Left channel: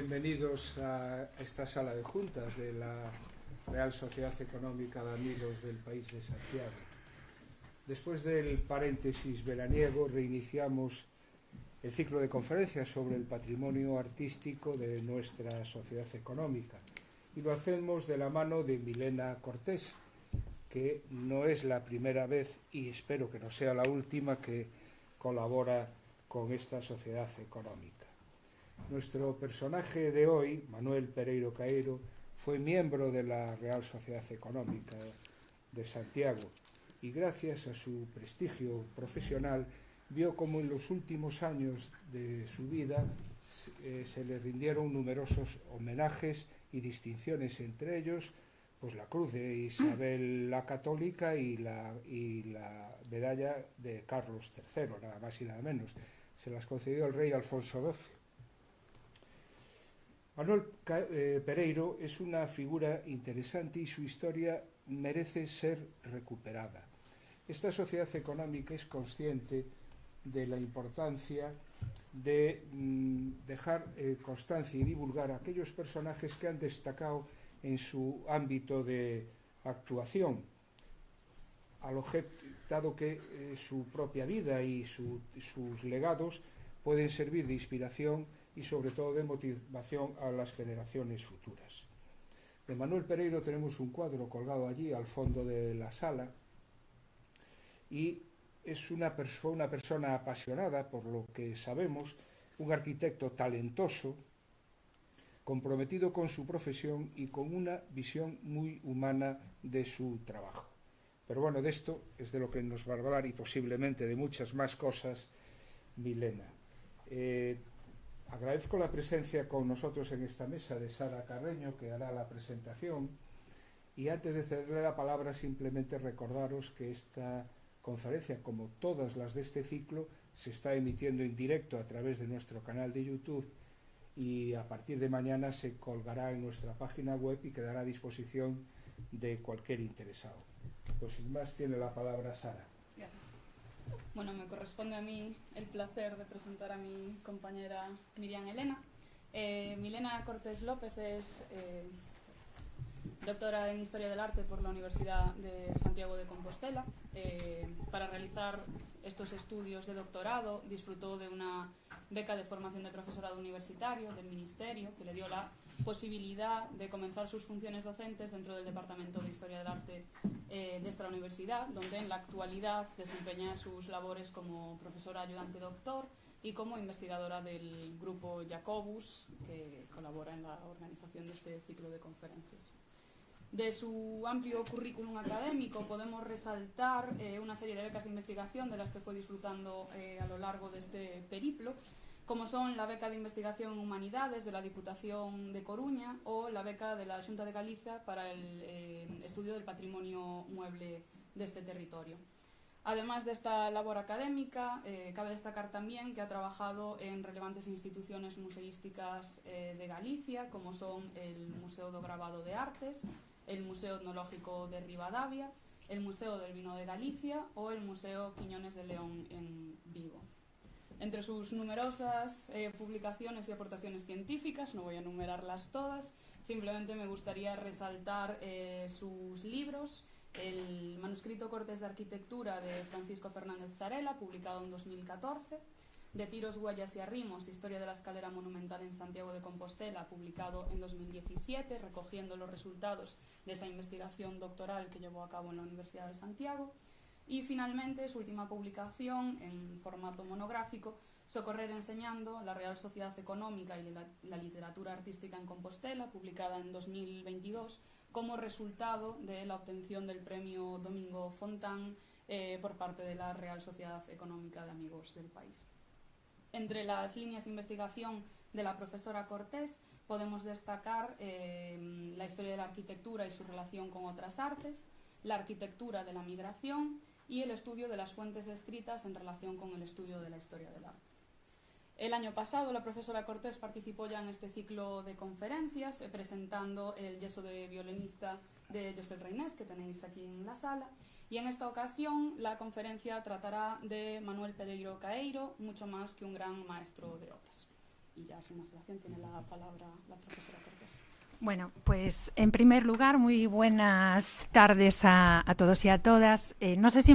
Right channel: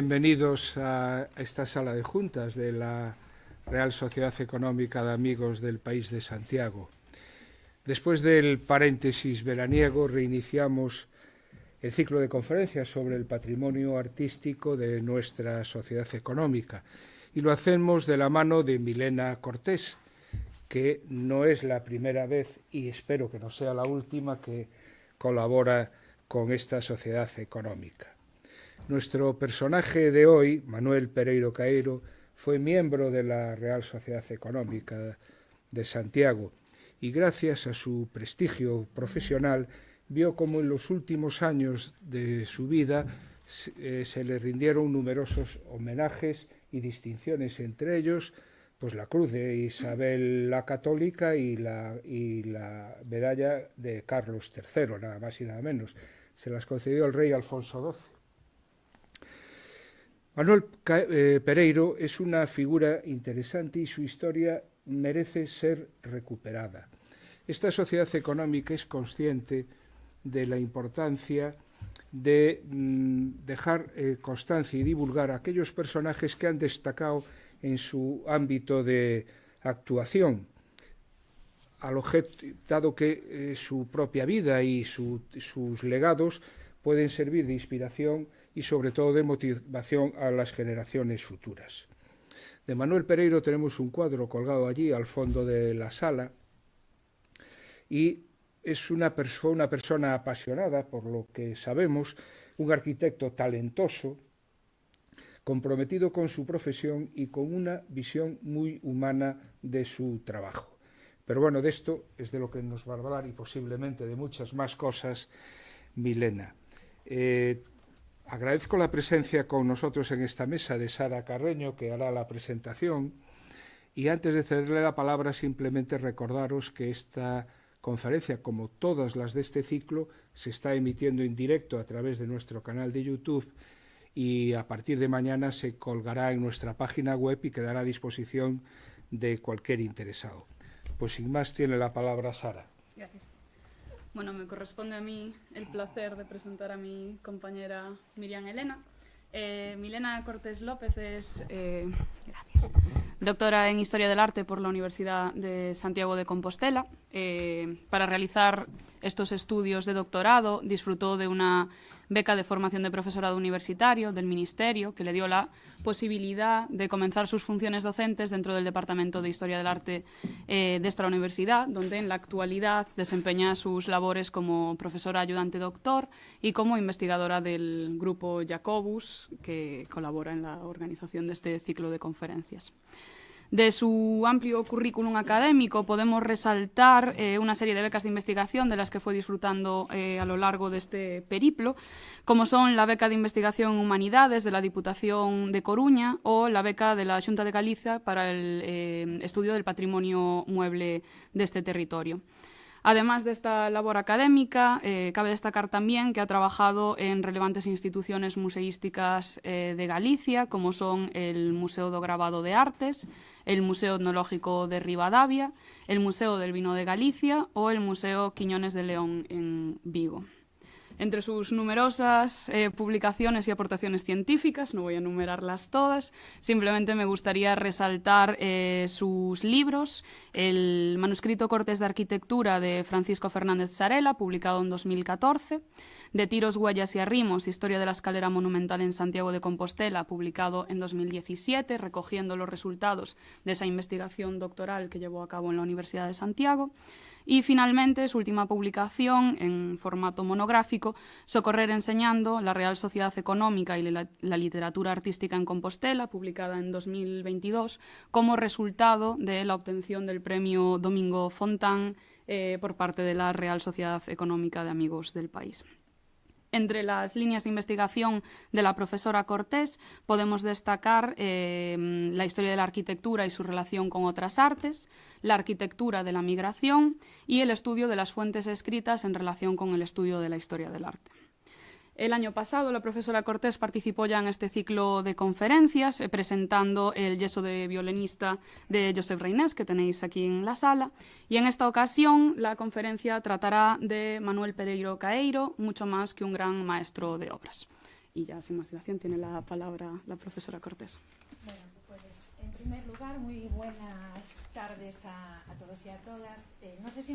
Bienvenidos a esta sala de juntas de la Real Sociedad Económica de Amigos del País de Santiago. Después del paréntesis veraniego, reiniciamos el ciclo de conferencias sobre el patrimonio artístico de nuestra sociedad económica y lo hacemos de la mano de Milena Cortés, que no es la primera vez y espero que no sea la última que colabora con esta sociedad económica. Nuestro personaje de hoy, Manuel Pereiro Caeiro, fue miembro de la Real Sociedad Económica de Santiago y gracias a su prestigio profesional vio cómo en los últimos años de su vida se le rindieron numerosos homenajes y distinciones, entre ellos pues la Cruz de Isabel la Católica y la medalla de Carlos III, nada más y nada menos. Se las concedió el rey Alfonso XII. Manuel Pereiro es una figura interesante y su historia merece ser recuperada. Esta sociedad económica es consciente de la importancia de dejar constancia y divulgar a aquellos personajes que han destacado en su ámbito de actuación, dado que su propia vida y sus legados pueden servir de inspiración y sobre todo de motivación a las generaciones futuras. De Manuel Pereiro tenemos un cuadro colgado allí al fondo de la sala y fue una persona apasionada, por lo que sabemos, un arquitecto talentoso, comprometido con su profesión y con una visión muy humana de su trabajo. Pero bueno, de esto es de lo que nos va a hablar y posiblemente de muchas más cosas Milena. Agradezco la presencia con nosotros en esta mesa de Sara Carreño, que hará la presentación, y antes de cederle la palabra simplemente recordaros que esta conferencia, como todas las de este ciclo, se está emitiendo en directo a través de nuestro canal de YouTube y a partir de mañana se colgará en nuestra página web y quedará a disposición de cualquier interesado. Pues sin más tiene la palabra Sara. Gracias. Bueno, me corresponde a mí el placer de presentar a mi compañera Miriam Elena. Milena Cortés López es doctora en Historia del Arte por la Universidad de Santiago de Compostela. Para realizar estos estudios de doctorado disfrutó de una beca de formación de profesorado universitario del Ministerio, que le dio la posibilidad de comenzar sus funciones docentes dentro del Departamento de Historia del Arte de esta universidad, donde en la actualidad desempeña sus labores como profesora ayudante doctor y como investigadora del grupo Jacobus, que colabora en la organización de este ciclo de conferencias. De su amplio currículum académico podemos resaltar una serie de becas de investigación de las que fue disfrutando a lo largo de este periplo, como son la beca de investigación en Humanidades de la Diputación de Coruña o la beca de la Xunta de Galicia para el estudio del patrimonio mueble de este territorio. Además de esta labor académica, cabe destacar también que ha trabajado en relevantes instituciones museísticas de Galicia, como son el Museo do Grabado de Artes, el Museo Etnológico de Ribadavia, el Museo del Vino de Galicia o el Museo Quiñones de León en Vigo. Entre sus numerosas publicaciones y aportaciones científicas, no voy a enumerarlas todas, simplemente me gustaría resaltar sus libros, el manuscrito Cortes de Arquitectura de Francisco Fernández Sarela, publicado en 2014, De tiros, huellas y arrimos, Historia de la escalera monumental en Santiago de Compostela, publicado en 2017, recogiendo los resultados de esa investigación doctoral que llevó a cabo en la Universidad de Santiago. Y finalmente, su última publicación en formato monográfico, Socorrer enseñando, la Real Sociedad Económica y la literatura artística en Compostela, publicada en 2022, como resultado de la obtención del premio Domingo Fontán por parte de la Real Sociedad Económica de Amigos del País. Entre las líneas de investigación de la profesora Cortés podemos destacar la historia de la arquitectura y su relación con otras artes, la arquitectura de la migración y el estudio de las fuentes escritas en relación con el estudio de la historia del arte. El año pasado la profesora Cortés participó ya en este ciclo de conferencias presentando el yeso de violinista de Josep Reynés, que tenéis aquí en la sala, y en esta ocasión la conferencia tratará de Manuel Pereiro Caeiro, mucho más que un gran maestro de obras. Y ya, sin más dilación, tiene la palabra la profesora Cortés. Bueno, pues en primer lugar, muy buenas tardes a todos y a todas. No sé si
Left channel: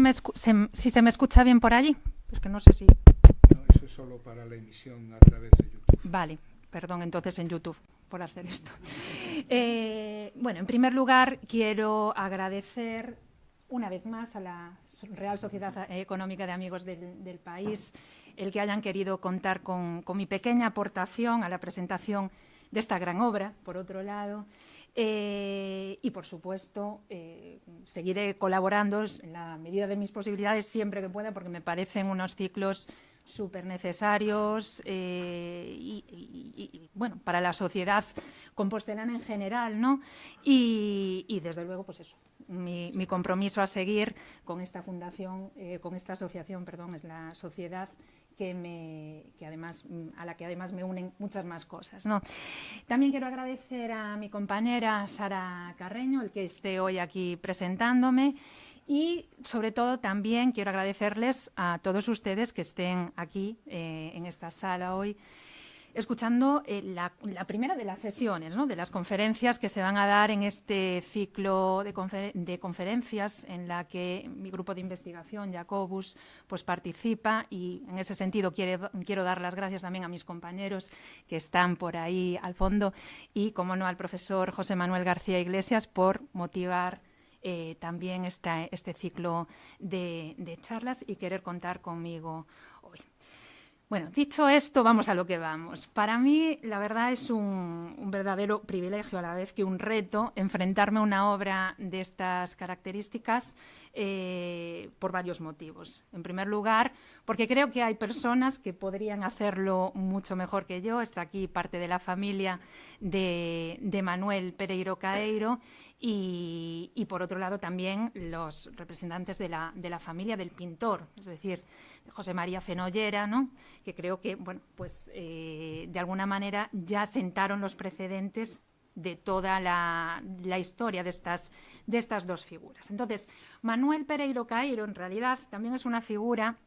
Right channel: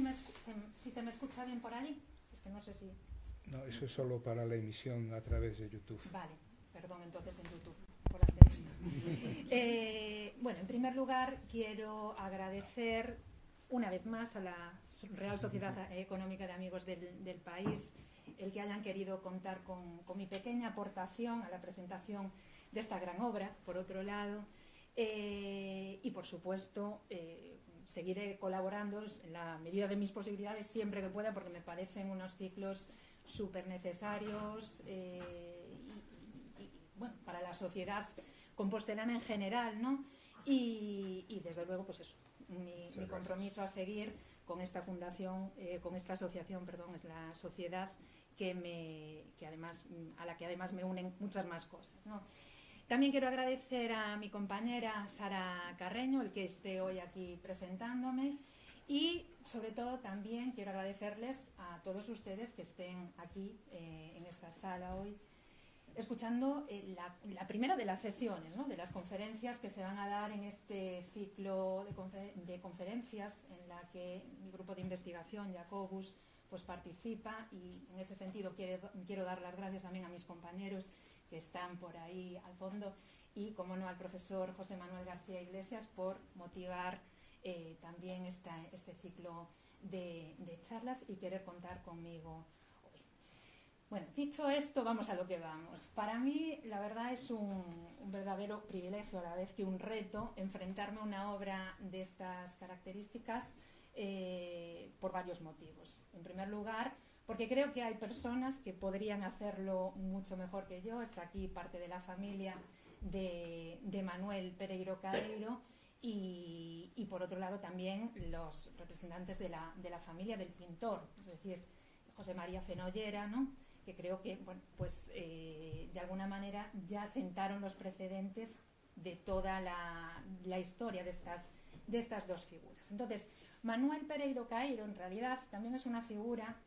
se me escucha bien por allí. Es que no sé si... No, eso es solo para la emisión a través de YouTube. Vale, perdón entonces en YouTube por hacer esto. Bueno, en primer lugar, quiero agradecer una vez más a la Real Sociedad Económica de Amigos del País el que hayan querido contar con mi pequeña aportación a la presentación de esta gran obra, por otro lado, y por supuesto seguiré colaborando en la medida de mis posibilidades siempre que pueda, porque me parecen unos ciclos súper necesarios y bueno, para la sociedad compostelana en general, ¿no? Y desde luego, pues eso, mi compromiso a seguir con esta fundación, con esta asociación, perdón, es la sociedad a la que además me unen muchas más cosas, ¿no? También quiero agradecer a mi compañera Sara Carreño el que esté hoy aquí presentándome y sobre todo también quiero agradecerles a todos ustedes que estén aquí en esta sala hoy escuchando la primera de las sesiones, ¿no?, de las conferencias que se van a dar en este ciclo de conferencias en la que mi grupo de investigación, Jacobus, pues participa, y en ese sentido quiero dar las gracias también a mis compañeros que están por ahí al fondo y, como no, al profesor José Manuel García Iglesias por motivar también este ciclo de charlas y querer contar conmigo hoy. Bueno, dicho esto, vamos a lo que vamos. Para mí, la verdad, es un verdadero privilegio, a la vez que un reto, enfrentarme a una obra de estas características por varios motivos. En primer lugar, porque creo que hay personas que podrían hacerlo mucho mejor que yo. Está aquí parte de la familia de Manuel Pereiro Caeiro y por otro lado, también los representantes de la familia del pintor, es decir, José María Fenollera, ¿no?, que creo que, bueno, pues de alguna manera ya sentaron los precedentes de toda la historia de estas dos figuras. Entonces, Manuel Pereiro Caeiro, en realidad, también es una figura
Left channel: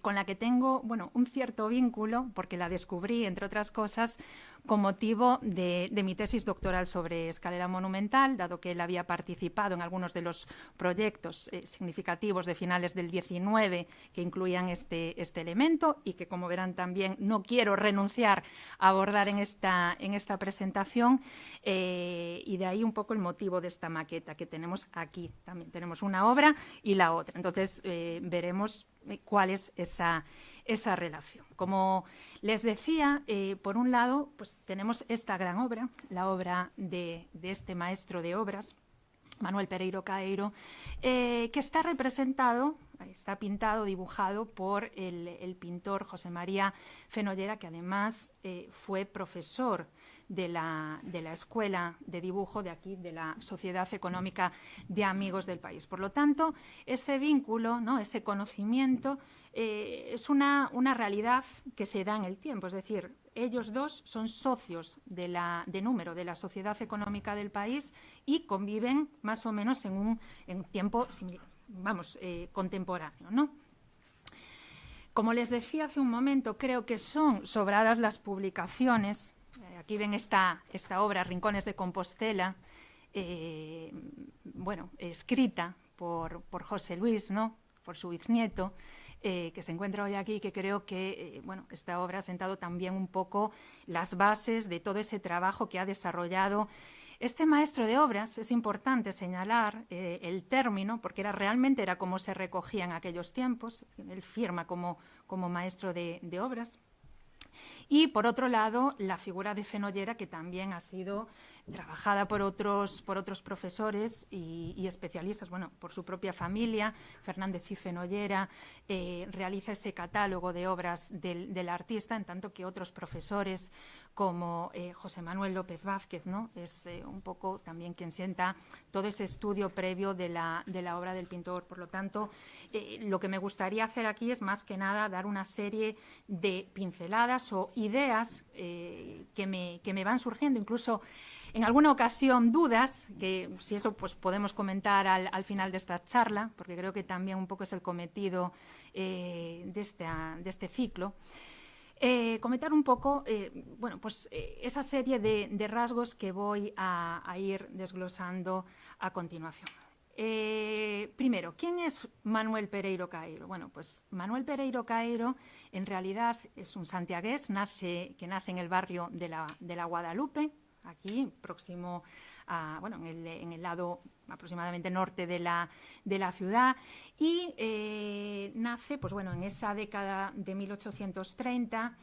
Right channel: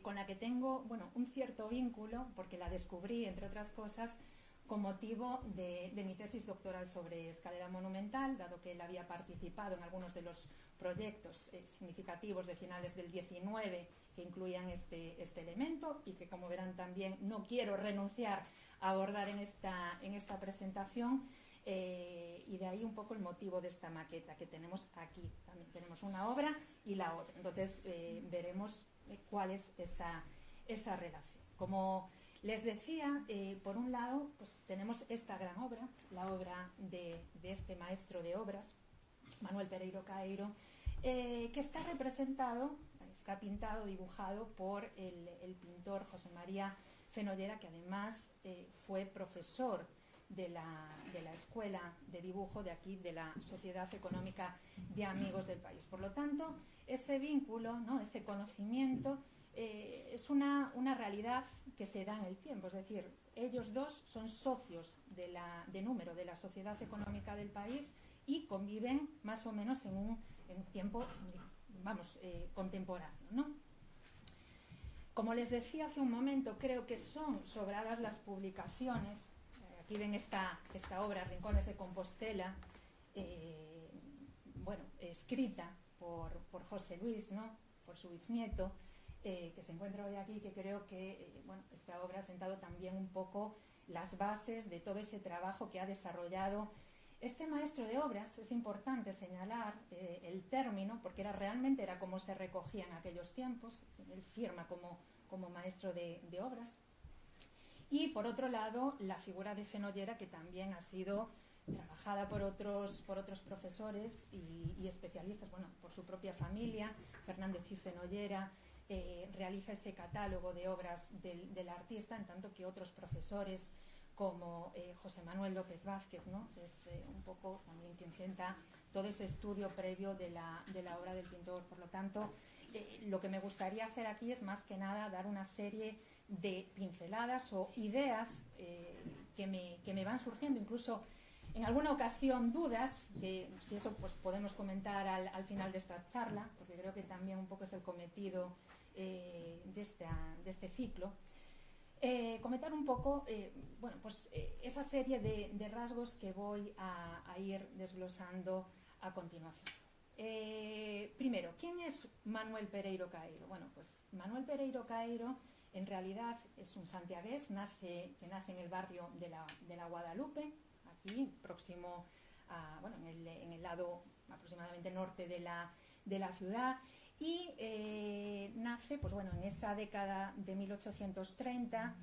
con la que tengo, bueno, un cierto vínculo, porque la descubrí, entre otras cosas, con motivo de mi tesis doctoral sobre escalera monumental, dado que él había participado en algunos de los proyectos significativos de finales del 19 que incluían este elemento y que, como verán, también no quiero renunciar a abordar en esta presentación, y de ahí un poco el motivo de esta maqueta que tenemos aquí. También tenemos una obra y la otra. Entonces veremos cuál es esa relación. Como les decía, por un lado, pues tenemos esta gran obra, la obra de este maestro de obras, Manuel Pereiro Caeiro, que está representado, está pintado, dibujado por el pintor José María Fenollera, que además fue profesor de la Escuela de Dibujo de aquí, de la Sociedad Económica de Amigos del País. Por lo tanto, ese vínculo, ¿no?, ese conocimiento, es una realidad que se da en el tiempo. Es decir, ellos dos son socios de número de la Sociedad Económica del País y conviven más o menos en un tiempo contemporáneo, ¿no? Como les decía hace un momento, creo que son sobradas las publicaciones. Aquí ven esta obra, Rincones de Compostela, escrita por José Luis, ¿no?, por su bisnieto, que se encuentra hoy aquí, que creo que esta obra ha sentado también un poco las bases de todo ese trabajo que ha desarrollado este maestro de obras. Es importante señalar el término, porque realmente era como se recogía en aquellos tiempos. Él firma como maestro de obras. Y, por otro lado, la figura de Fenollera, que también ha sido trabajada por otros profesores y especialistas, por su propia familia. Fernández y Fenollera realiza ese catálogo de obras del artista, en tanto que otros profesores, como José Manuel López Vázquez, ¿no?, es un poco también quien sienta todo ese estudio previo de la obra del pintor. Por lo tanto, lo que me gustaría hacer aquí es, más que nada, dar una serie de pinceladas o ideas que me van surgiendo, incluso en alguna ocasión dudas, que si eso pues podemos comentar al final de esta charla, porque creo que también un poco es el cometido de este ciclo. comentar un poco bueno, pues, esa serie de rasgos que voy a ir desglosando a continuación. Primero, ¿quién es Manuel Pereiro Caeiro? Bueno, pues Manuel Pereiro Caeiro en realidad es un santiagués que nace en el barrio de la Guadalupe, aquí próximo a, bueno, en el lado aproximadamente norte de la ciudad, y nace, pues bueno, en esa década de 1830,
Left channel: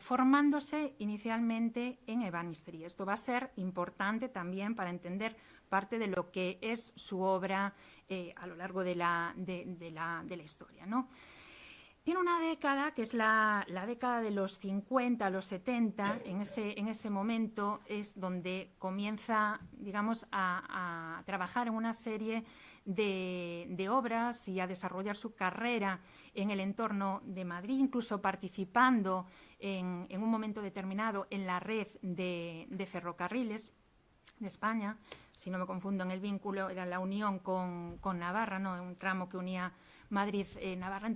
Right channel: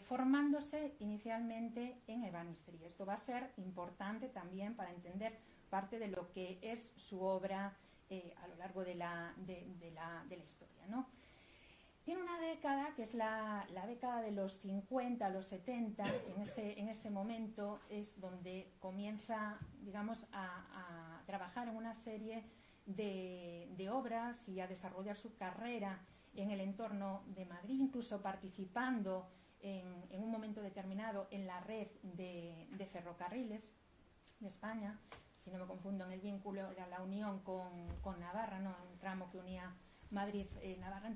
formándose inicialmente en Ebanisterí. Esto va a ser importante también para entender parte de lo que es su obra a lo largo de la historia, ¿no? Tiene una década que es la década de los 50, los 70, en ese momento es donde comienza, digamos, a trabajar en una serie de obras y a desarrollar su carrera en el entorno de Madrid, incluso participando en un momento determinado en la red de ferrocarriles de España. Si no me confundo en el vínculo, era la unión con Navarra, ¿no? Un tramo que unía Madrid-Navarra,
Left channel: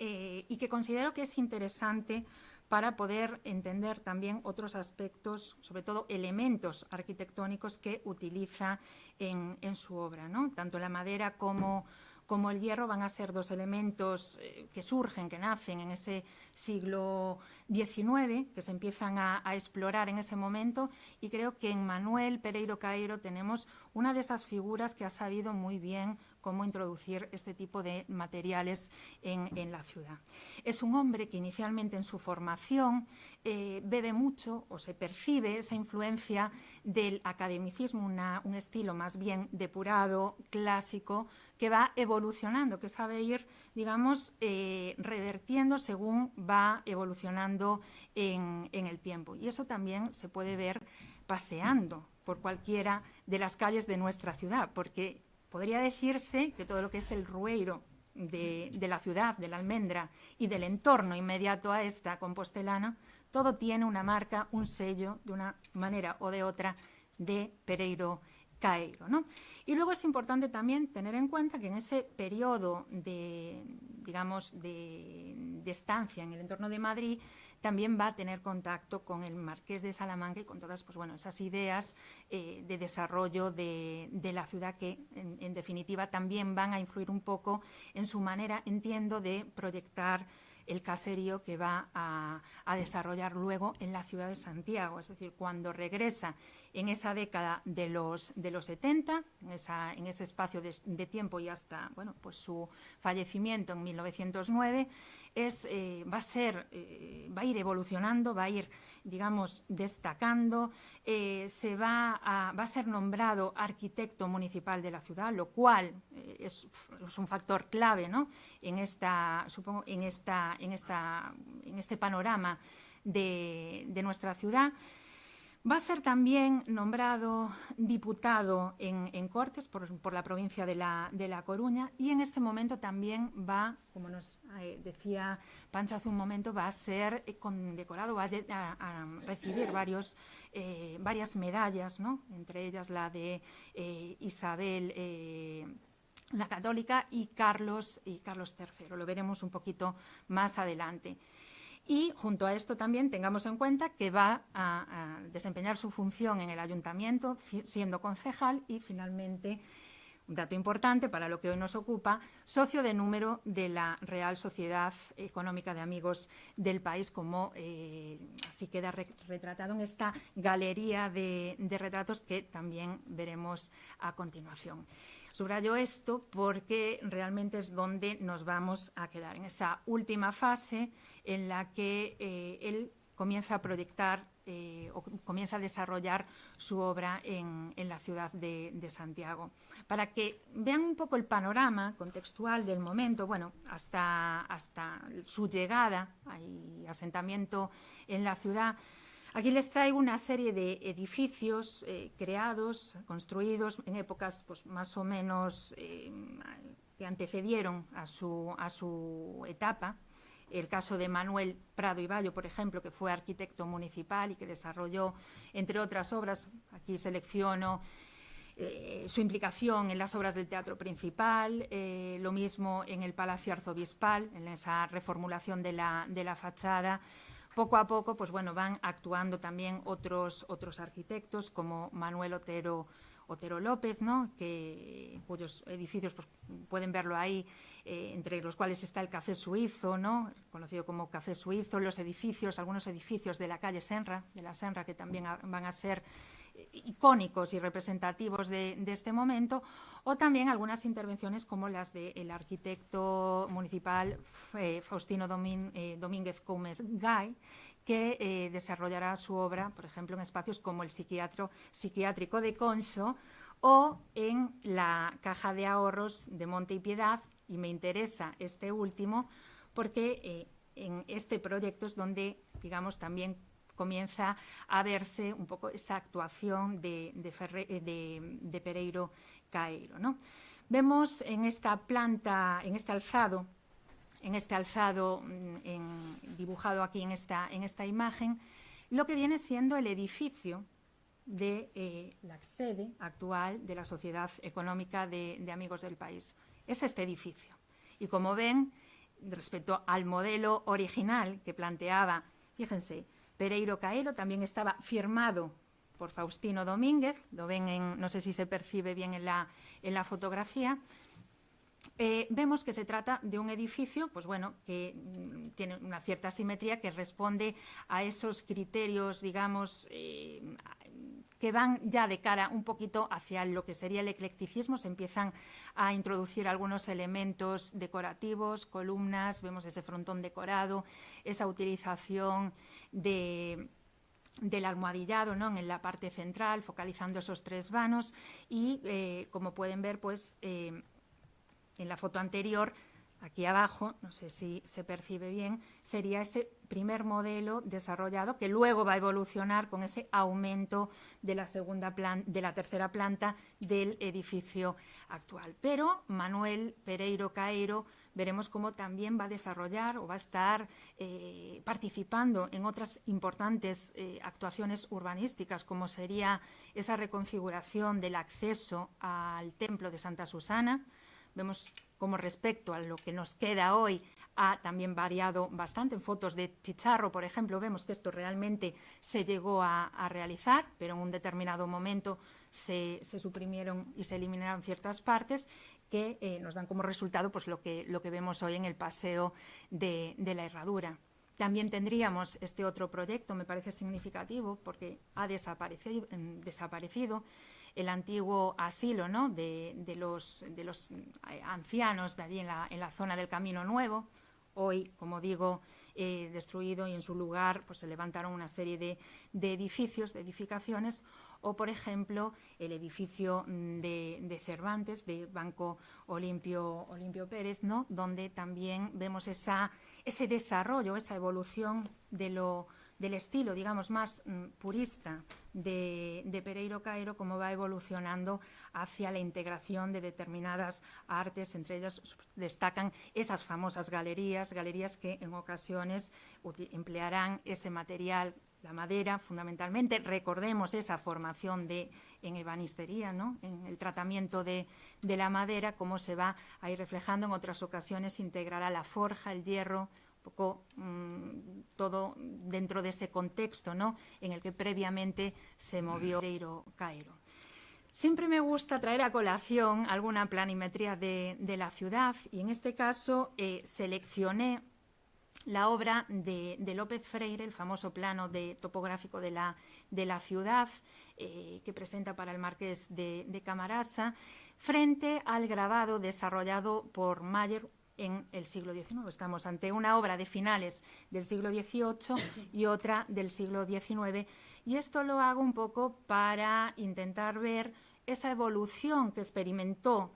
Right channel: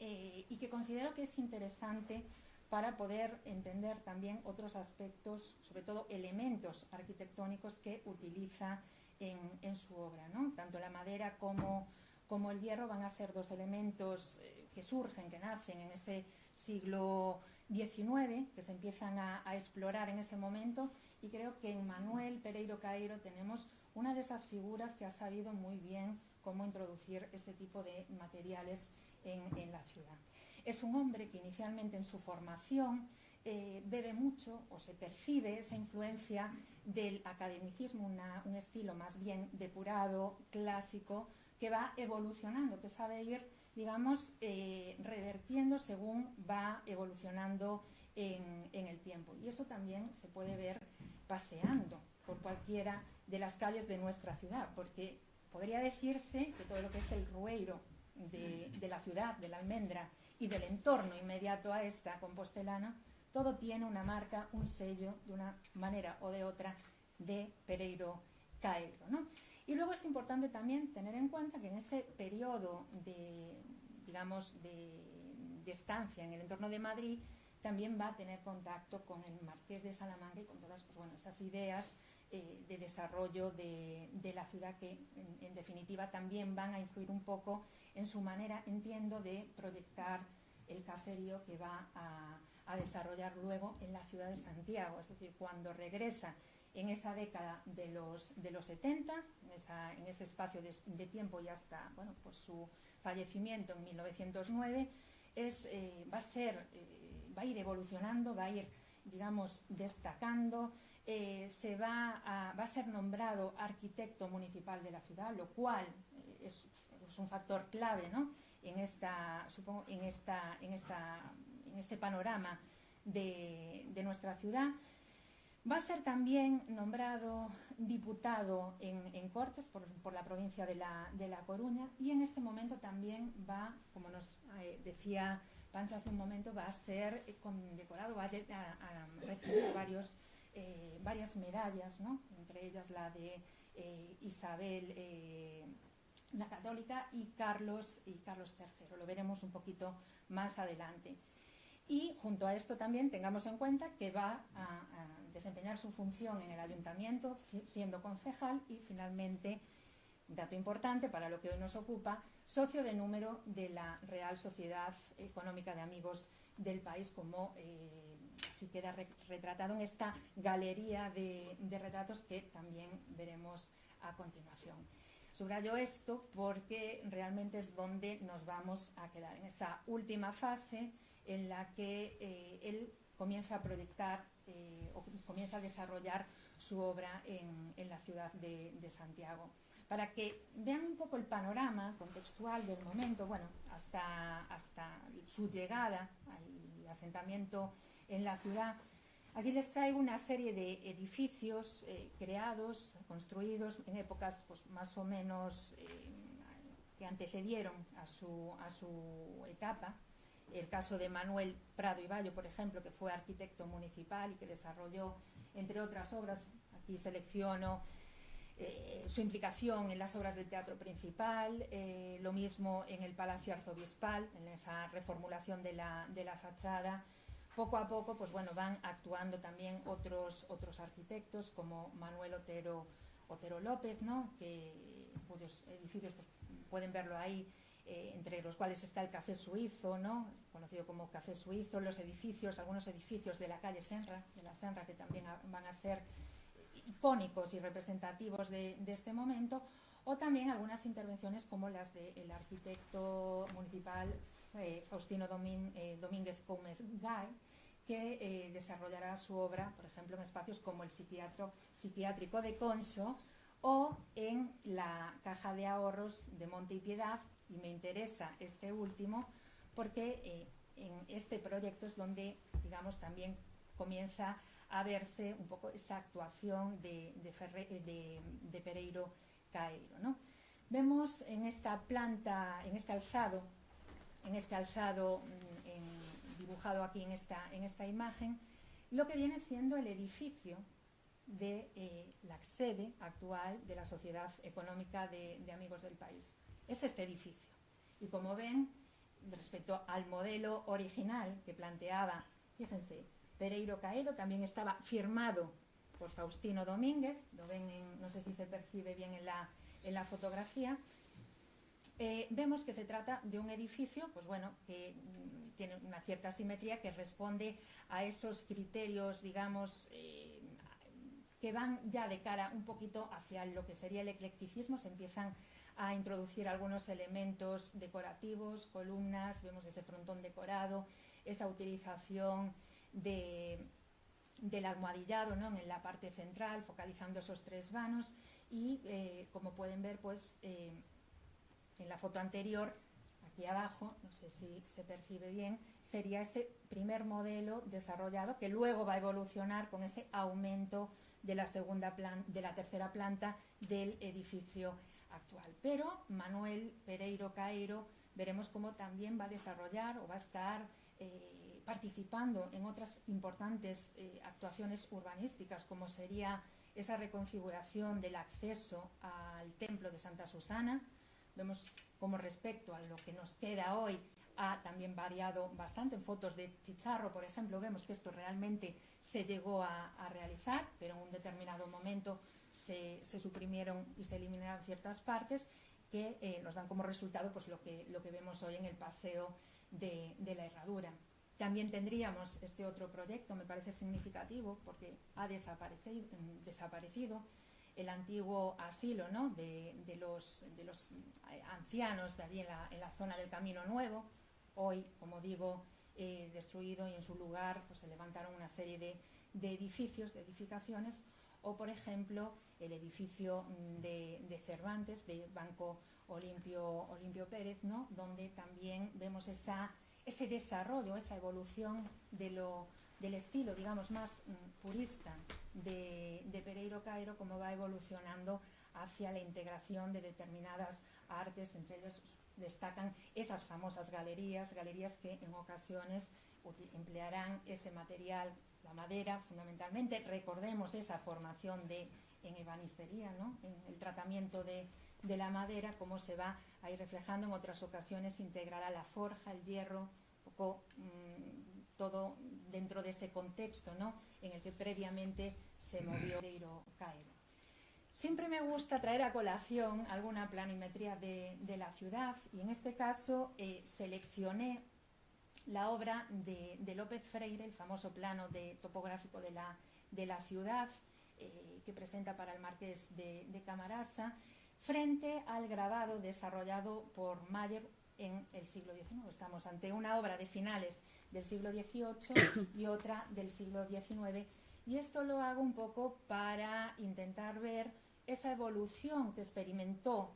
y que considero que es interesante para poder entender también otros aspectos, sobre todo elementos arquitectónicos que utiliza en su obra, ¿no? Tanto la madera como el hierro van a ser dos elementos que surgen, que nacen en ese siglo XIX, que se empiezan a explorar en ese momento, y creo que en Manuel Pereiro Caeiro tenemos una de esas figuras que ha sabido muy bien cómo introducir este tipo de materiales en la ciudad. Es un hombre que inicialmente en su formación bebe mucho o se percibe esa influencia del academicismo, un estilo más bien depurado, clásico, que va evolucionando, que sabe ir, digamos, revertiendo según va evolucionando en el tiempo. Y eso también se puede ver paseando por cualquiera de las calles de nuestra ciudad, porque podría decirse que todo lo que es el rueiro de la ciudad, de la Almendra y del entorno inmediato a esta compostelana, todo tiene una marca, un sello, de una manera o de otra, de Pereiro Caeiro, ¿no? Y luego es importante también tener en cuenta que en ese periodo de estancia en el entorno de Madrid, también va a tener contacto con el Marqués de Salamanca y con todas, pues bueno, esas ideas de desarrollo de la ciudad que, en definitiva, también van a influir un poco en su manera, entiendo, de proyectar el caserío que va a desarrollar luego en la ciudad de Santiago. Es decir, cuando regresa en esa década de los 70, en ese espacio de tiempo y hasta, bueno, pues su fallecimiento en 1909, va a ir evolucionando, va a ir, digamos, destacando, va a ser nombrado arquitecto municipal de la ciudad, lo cual es un factor clave, ¿no? En este panorama de nuestra ciudad. Va a ser también nombrado diputado en Cortes por la provincia de La Coruña, y en este momento también va, como nos decía Pancho hace un momento, va a ser condecorado, va a recibir varias medallas, ¿no? Entre ellas la de Isabel la Católica y Carlos III. Lo veremos un poquito más adelante. Y junto a esto también tengamos en cuenta que va a desempeñar su función en el ayuntamiento siendo concejal y finalmente, un dato importante para lo que hoy nos ocupa, socio de número de la Real Sociedad Económica de Amigos del País, como así queda retratado en esta galería de retratos que también veremos a continuación. Subrayo esto porque realmente es donde nos vamos a quedar, en esa última fase en la que él comienza a proyectar o comienza a desarrollar su obra en la ciudad de Santiago. Para que vean un poco el panorama contextual del momento, bueno, hasta su llegada y asentamiento en la ciudad, aquí les traigo una serie de edificios creados, construidos en épocas pues, más o menos que antecedieron a su etapa. El caso de Manuel Prado y Bayo, por ejemplo, que fue arquitecto municipal y que desarrolló, entre otras obras, aquí selecciono su implicación en las obras del Teatro Principal, lo mismo en el Palacio Arzobispal, en esa reformulación de la fachada, poco a poco pues bueno, van actuando también otros arquitectos como Manuel Otero López, ¿no? Cuyos edificios pues, pueden verlo ahí, entre los cuales está el Café Suizo, ¿no? Conocido como Café Suizo, los edificios, algunos edificios de la calle Senra, que también van a ser icónicos y representativos de este momento, o también algunas intervenciones como las del arquitecto municipal Faustino Domínguez Gómez Gay, que desarrollará su obra, por ejemplo, en espacios como el psiquiátrico de Conso o en la Caja de Ahorros de Monte y Piedad, y me interesa este último porque en este proyecto es donde, digamos, también comienza a verse un poco esa actuación de Pereiro Caeiro, ¿no? Vemos en esta planta, en este alzado dibujado aquí en esta imagen, lo que viene siendo el edificio de la sede actual de la Sociedad Económica de Amigos del País. Es este edificio. Y como ven, respecto al modelo original que planteaba, fíjense, Pereiro Caeiro, también estaba firmado por Faustino Domínguez, lo ven no sé si se percibe bien en la fotografía. Vemos que se trata de un edificio, pues bueno, que tiene una cierta simetría, que responde a esos criterios, digamos, que van ya de cara un poquito hacia lo que sería el eclecticismo. Se empiezan a introducir algunos elementos decorativos, columnas, vemos ese frontón decorado, esa utilización del almohadillado, ¿no? En la parte central, focalizando esos tres vanos y, como pueden ver, pues en la foto anterior, aquí abajo, no sé si se percibe bien, sería ese primer modelo desarrollado que luego va a evolucionar con ese aumento de la tercera planta del edificio actual. Pero Manuel Pereiro Caeiro veremos cómo también va a desarrollar o va a estar participando en otras importantes actuaciones urbanísticas, como sería esa reconfiguración del acceso al templo de Santa Susana. Vemos cómo respecto a lo que nos queda hoy ha también variado bastante. En fotos de Chicharro, por ejemplo, vemos que esto realmente se llegó a realizar, pero en un determinado momento se suprimieron y se eliminaron ciertas partes que nos dan como resultado pues, lo que vemos hoy en el Paseo de la Herradura. También tendríamos este otro proyecto, me parece significativo, porque ha desaparecido el antiguo asilo, ¿no? de los ancianos de allí en la zona del Camino Nuevo. Hoy, como digo, destruido, y en su lugar pues, se levantaron una serie de edificios, de edificaciones, o por ejemplo el edificio de Cervantes, de Banco Olimpio Pérez, ¿no? Donde también vemos ese desarrollo, esa evolución del estilo, digamos, más purista de Pereiro Caeiro, cómo va evolucionando hacia la integración de determinadas artes. Entre ellas destacan esas famosas galerías que en ocasiones emplearán ese material, la madera, fundamentalmente. Recordemos esa formación en ebanistería, ¿no? En el tratamiento de la madera, cómo se va a ir reflejando. En otras ocasiones integrará la forja, el hierro, poco todo dentro de ese contexto, ¿no? En el que previamente se movió Pereiro Caeiro. Siempre me gusta traer a colación alguna planimetría de la ciudad, y en este caso seleccioné la obra de López Freire, el famoso plano topográfico de la ciudad que presenta para el Marqués de Camarasa, frente al grabado desarrollado por Mayer en el siglo XIX. Estamos ante una obra de finales del siglo XVIII y otra del siglo XIX, y esto lo hago un poco para intentar ver esa evolución que experimentó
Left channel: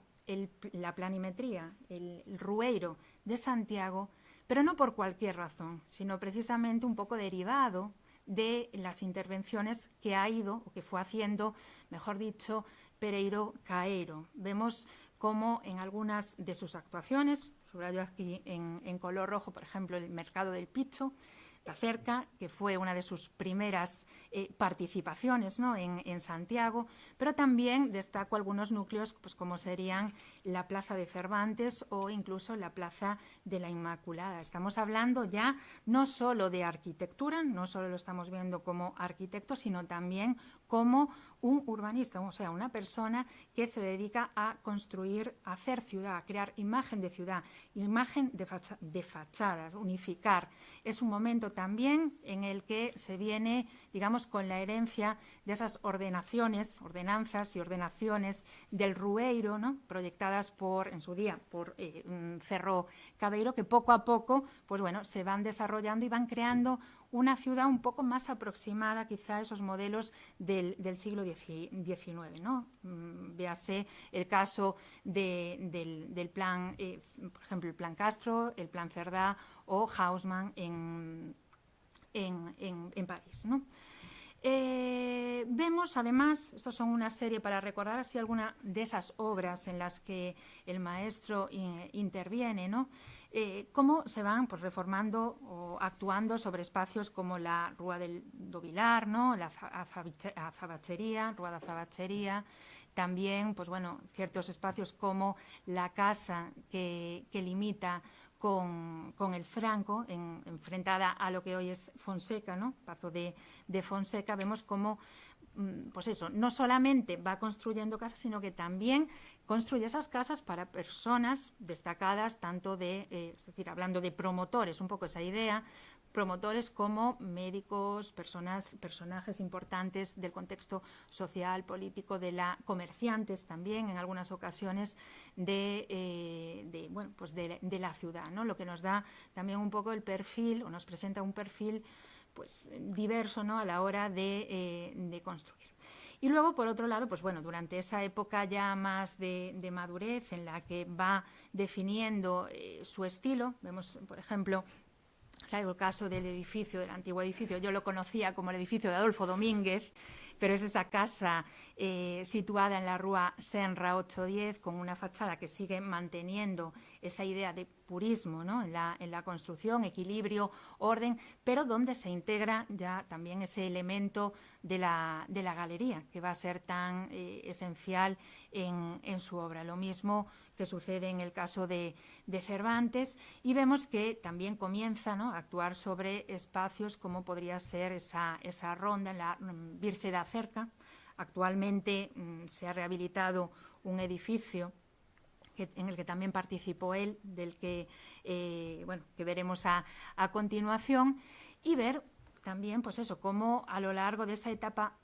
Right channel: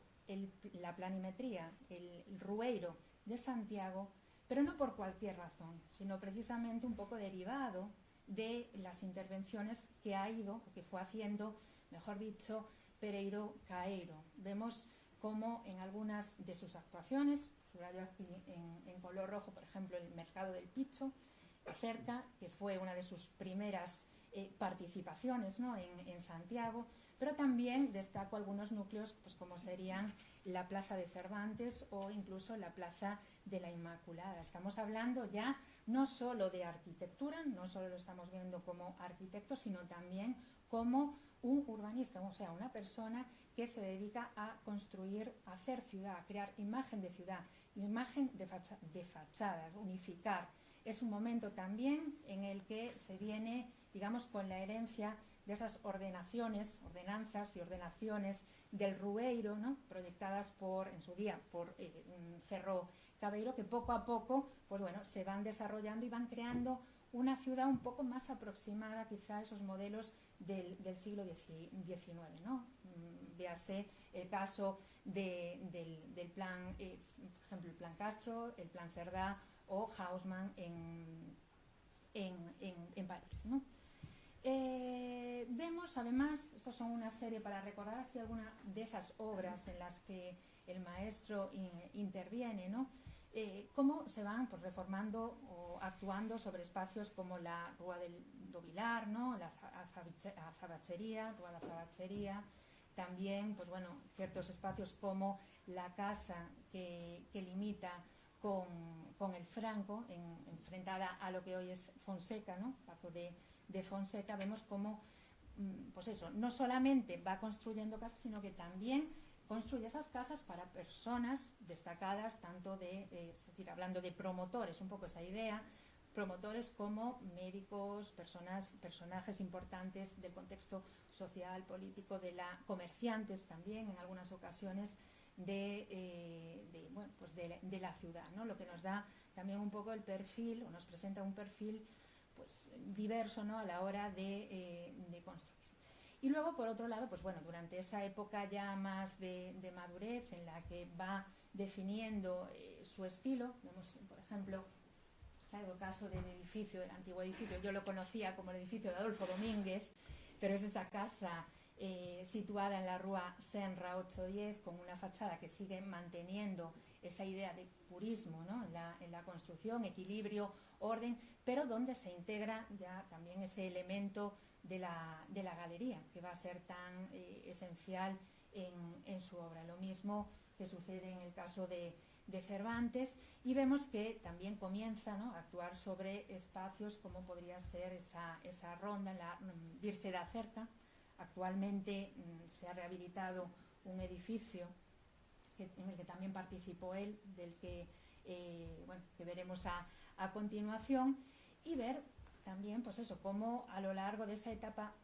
la planimetría, el Rueiro de Santiago, pero no por cualquier razón, sino precisamente un poco derivado de las intervenciones que ha ido, o que fue haciendo, mejor dicho, Pereiro Caeiro. Vemos cómo en algunas de sus actuaciones, subrayo aquí en color rojo, por ejemplo, el Mercado del Picho, Cerca, que fue una de sus primeras participaciones, ¿no?, en Santiago, pero también destaco algunos núcleos pues, como serían la Plaza de Cervantes o incluso la Plaza de la Inmaculada. Estamos hablando ya no solo de arquitectura, no solo lo estamos viendo como arquitecto, sino también como un urbanista, o sea, una persona que se dedica a construir, a hacer ciudad, a crear imagen de ciudad, imagen de fachadas, unificar. Es un momento también en el que se viene, digamos, con la herencia de esas ordenanzas y ordenaciones del Rueiro, ¿no?, proyectadas en su día por Cerro Cabeiro, que poco a poco pues bueno, se van desarrollando y van creando una ciudad un poco más aproximada quizá a esos modelos del siglo XIX, ¿no? Véase el caso del plan, por ejemplo, el plan Castro, el plan Cerdá o Haussmann en París, ¿no? Vemos además, estos son una serie para recordar así alguna de esas obras en las que el maestro interviene, ¿no? Cómo se van pues, reformando o actuando sobre espacios como la Rúa do Vilar, ¿no?, la Azabachería, Rúa da Azabachería, también pues, bueno, ciertos espacios como la casa que limita con el Franco, enfrentada a lo que hoy es Fonseca, ¿no?, Pazo de Fonseca. Vemos cómo pues eso, no solamente va construyendo casas, sino que también construye esas casas para personas destacadas, tanto es decir, hablando de promotores, un poco esa idea, promotores como médicos, personajes importantes del contexto social, político, comerciantes también, en algunas ocasiones, de la ciudad, ¿no? Lo que nos da también un poco el perfil, o nos presenta un perfil pues diverso, ¿no?, a la hora de construir. Y luego, por otro lado, pues bueno, durante esa época ya más de madurez, en la que va definiendo su estilo, vemos, por ejemplo, traigo el caso del antiguo edificio, yo lo conocía como el edificio de Adolfo Domínguez, pero es esa casa situada en la Rúa Senra 810, con una fachada que sigue manteniendo esa idea de purismo, ¿no?, en la construcción, equilibrio, orden, pero donde se integra ya también ese elemento de la galería, que va a ser tan esencial en su obra. Lo mismo que sucede en el caso de Cervantes, y vemos que también comienza, ¿no?, a actuar sobre espacios como podría ser esa ronda en la Virse da Cerca. Actualmente se ha rehabilitado un edificio en el que también participó él, del que veremos a continuación, y ver también pues eso, cómo a lo largo de esa etapa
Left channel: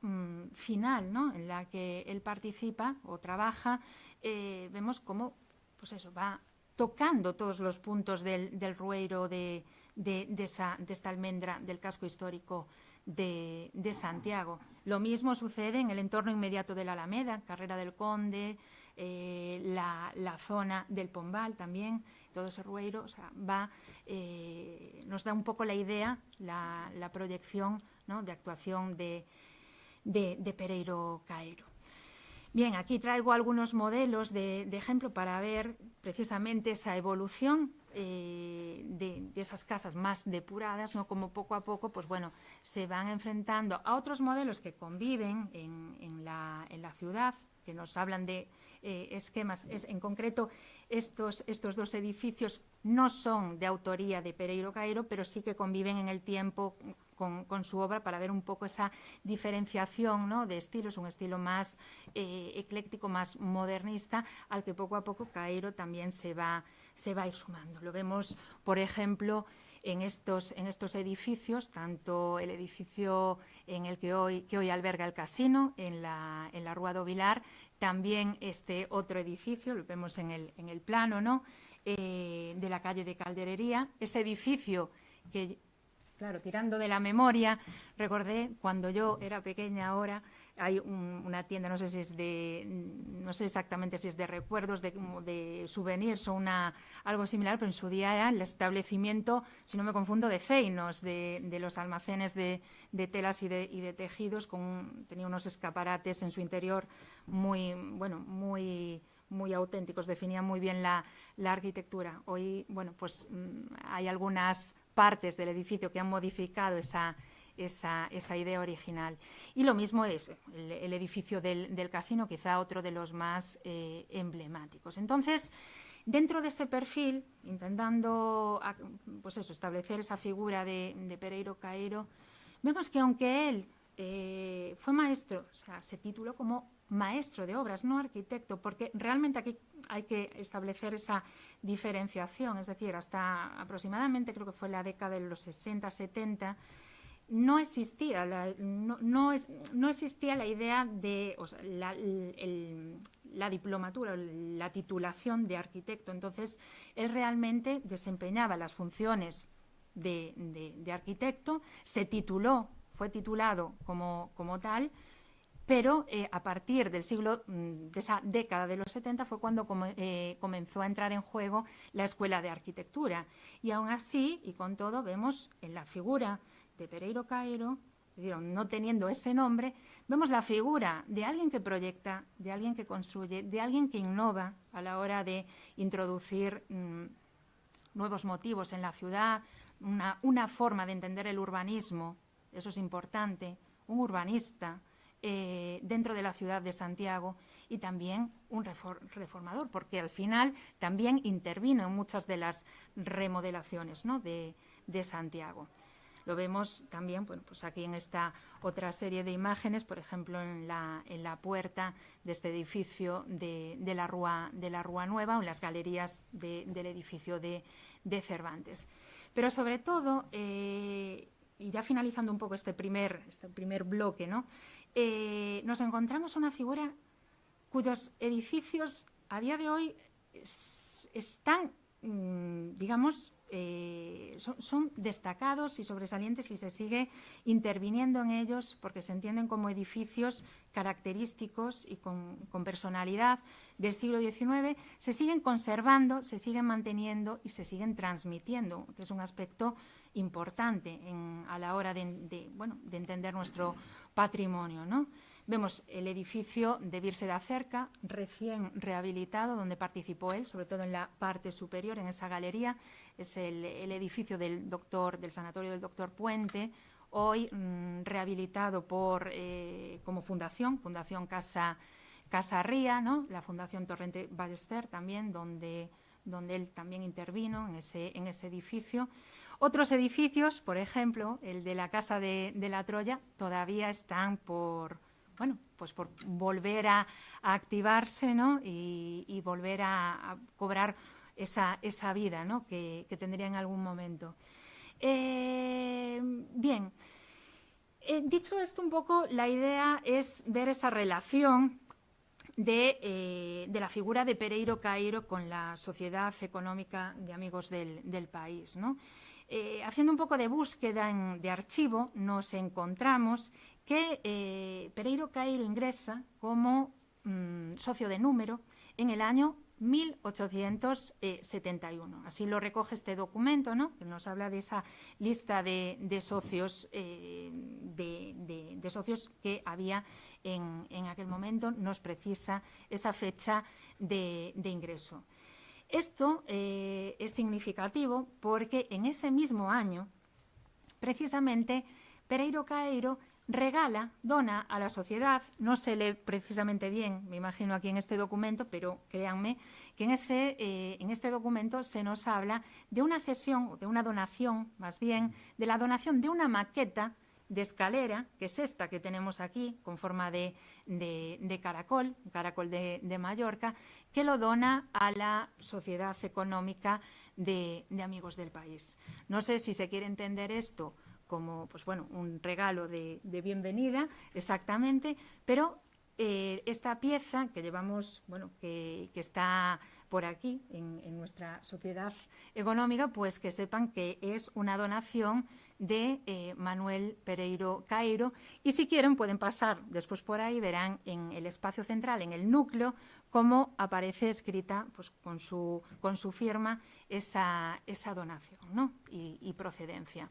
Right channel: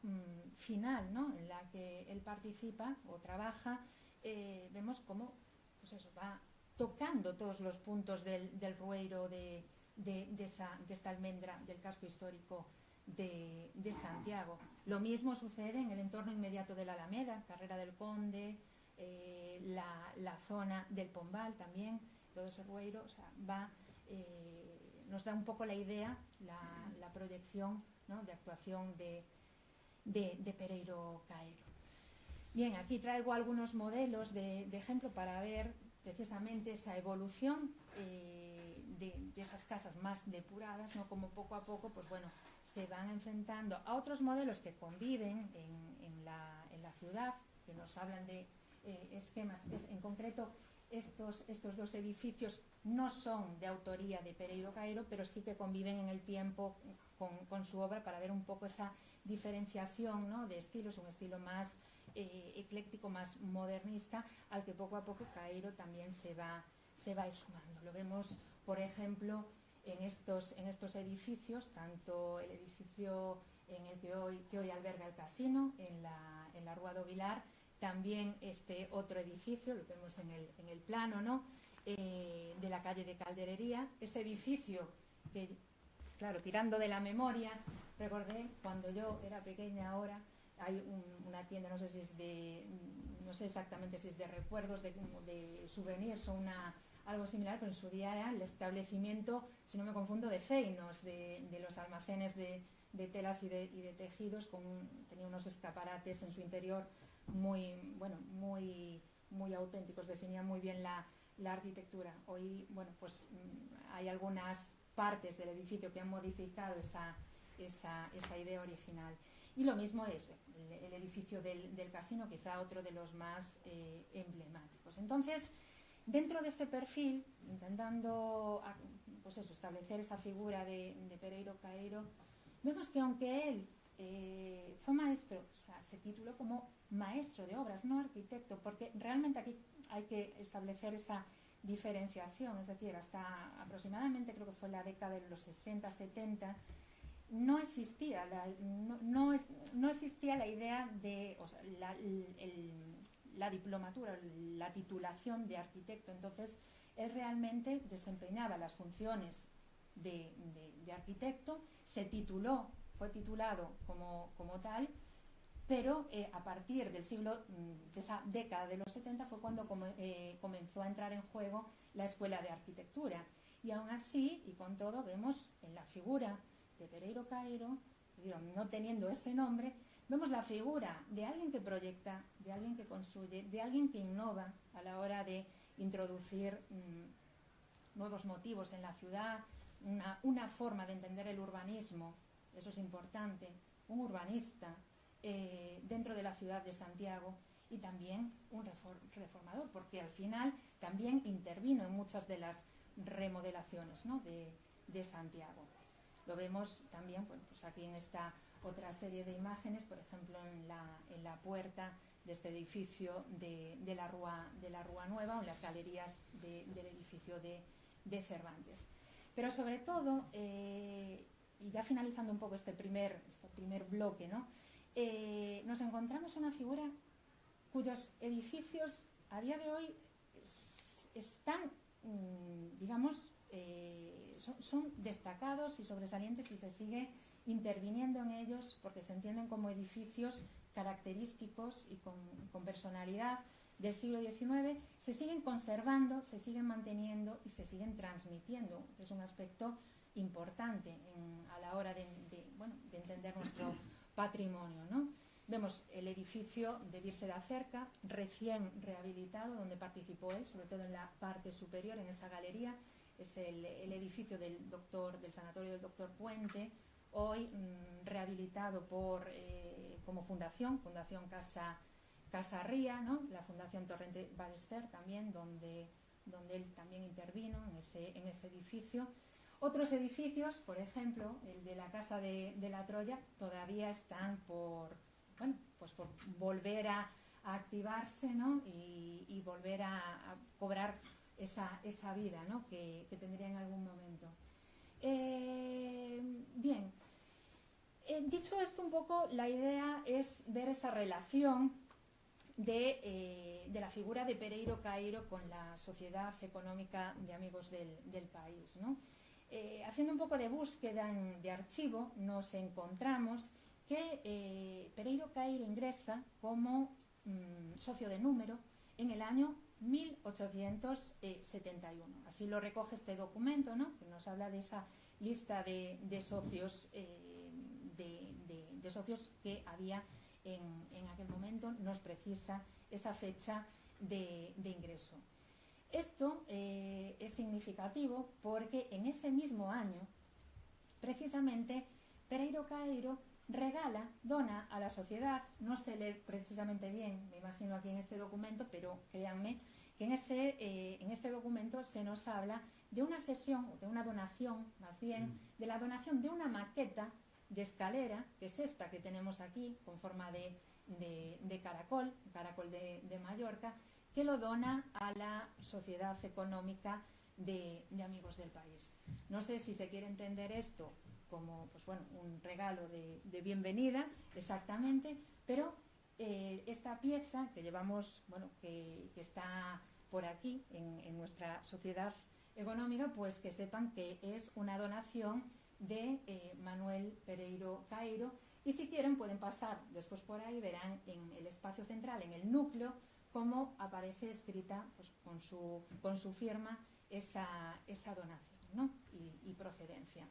final, ¿no?, en la que él participa o trabaja, vemos cómo pues eso, va tocando todos los puntos del Rueiro, de esta almendra del casco histórico de Santiago. Lo mismo sucede en el entorno inmediato de la Alameda, Carrera del Conde, la zona del Pombal también, todo ese Rueiro, o sea, nos da un poco la idea, la proyección, ¿no?, de actuación de Pereiro Caeiro. Bien, aquí traigo algunos modelos de ejemplo para ver precisamente esa evolución de esas casas más depuradas, ¿no?, como poco a poco pues bueno, se van enfrentando a otros modelos que conviven en la ciudad, que nos hablan de esquemas. En concreto, estos dos edificios no son de autoría de Pereiro Caeiro, pero sí que conviven en el tiempo con su obra, para ver un poco esa diferenciación, ¿no?, de estilos, un estilo más ecléctico, más modernista, al que poco a poco Caeiro también se va a ir sumando. Lo vemos, por ejemplo, en estos edificios, tanto el edificio en el que hoy alberga el casino, en la Rúa do Vilar, también este otro edificio, lo vemos en el plano, ¿no?, de la calle de Calderería, ese edificio que, claro, tirando de la memoria, recordé cuando yo era pequeña. Ahora hay una tienda, no sé exactamente si es de recuerdos, de souvenirs o algo similar, pero en su día era el establecimiento, si no me confundo, de Ceinos, de los almacenes de telas y de tejidos, tenía unos escaparates en su interior muy auténticos, definían muy bien la arquitectura. Hoy, bueno, pues hay algunas partes del edificio que han modificado esa idea original. Y lo mismo es el edificio del casino, quizá otro de los más emblemáticos. Entonces, dentro de ese perfil, intentando pues eso, establecer esa figura de Pereiro Caeiro, vemos que aunque él fue maestro, o sea, se tituló como maestro de obras, no arquitecto, porque realmente aquí hay que establecer esa diferenciación, es decir, hasta aproximadamente, creo que fue la década de los 60, 70, no existía no existía la idea de, o sea, la diplomatura, la titulación de arquitecto. Entonces, él realmente desempeñaba las funciones de arquitecto, fue titulado como tal, pero a partir del siglo, de esa década de los 70, fue cuando comenzó a entrar en juego la Escuela de Arquitectura. Y aún así, y con todo, vemos en la figura de Pereiro Caeiro, no teniendo ese nombre, vemos la figura de alguien que proyecta, de alguien que construye, de alguien que innova a la hora de introducir nuevos motivos en la ciudad, una forma de entender el urbanismo, eso es importante, un urbanista dentro de la ciudad de Santiago, y también un reformador, porque al final también intervino en muchas de las remodelaciones, ¿no?, de Santiago. Lo vemos también, bueno, pues aquí en esta otra serie de imágenes, por ejemplo, en la puerta de este edificio de la Rúa Nueva, o en las galerías del edificio de Cervantes. Pero sobre todo, y ya finalizando un poco este primer bloque, ¿no?, nos encontramos una figura cuyos edificios a día de hoy están, digamos, son destacados y sobresalientes, y se sigue interviniendo en ellos porque se entienden como edificios característicos y con personalidad del siglo XIX, se siguen conservando, se siguen manteniendo y se siguen transmitiendo, que es un aspecto importante a la hora de entender nuestro patrimonio, ¿no? Vemos el edificio de Virse da Cerca, recién rehabilitado, donde participó él, sobre todo en la parte superior, en esa galería. Es el edificio del Sanatorio del Doctor Puente, hoy rehabilitado como fundación Casa Ría, ¿no?, la Fundación Torrente Ballester también, donde él también intervino en ese edificio. Otros edificios, por ejemplo, el de la Casa de la Troya, todavía están por volver a activarse, ¿no?, y volver a cobrar esa vida, ¿no?, que tendría en algún momento. Bien, dicho esto un poco, la idea es ver esa relación de la figura de Pereiro Caeiro con la Sociedad Económica de Amigos del País, ¿no? Haciendo un poco de búsqueda de archivo, nos encontramos que Pereiro Caeiro ingresa como socio de número en el año 1871. Así lo recoge este documento, ¿no?, que nos habla de esa lista de socios, de socios que había en aquel momento. Nos precisa esa fecha de ingreso. Esto es significativo porque en ese mismo año, precisamente, Pereiro Caeiro dona a la sociedad, no se lee precisamente bien, me imagino aquí en este documento, pero créanme que en este documento se nos habla de una cesión, de una donación, más bien, de la donación de una maqueta de escalera, que es esta que tenemos aquí, con forma de caracol de Mallorca, que lo dona a la Sociedad Económica de Amigos del País. No sé si se quiere entender esto como un regalo de bienvenida, exactamente, pero esta pieza que llevamos, que está por aquí en nuestra sociedad económica, pues que sepan que es una donación de Manuel Pereiro Caeiro, y si quieren pueden pasar después por ahí, verán en el espacio central, en el núcleo, cómo aparece escrita, pues, con su firma esa donación, ¿no?, y procedencia.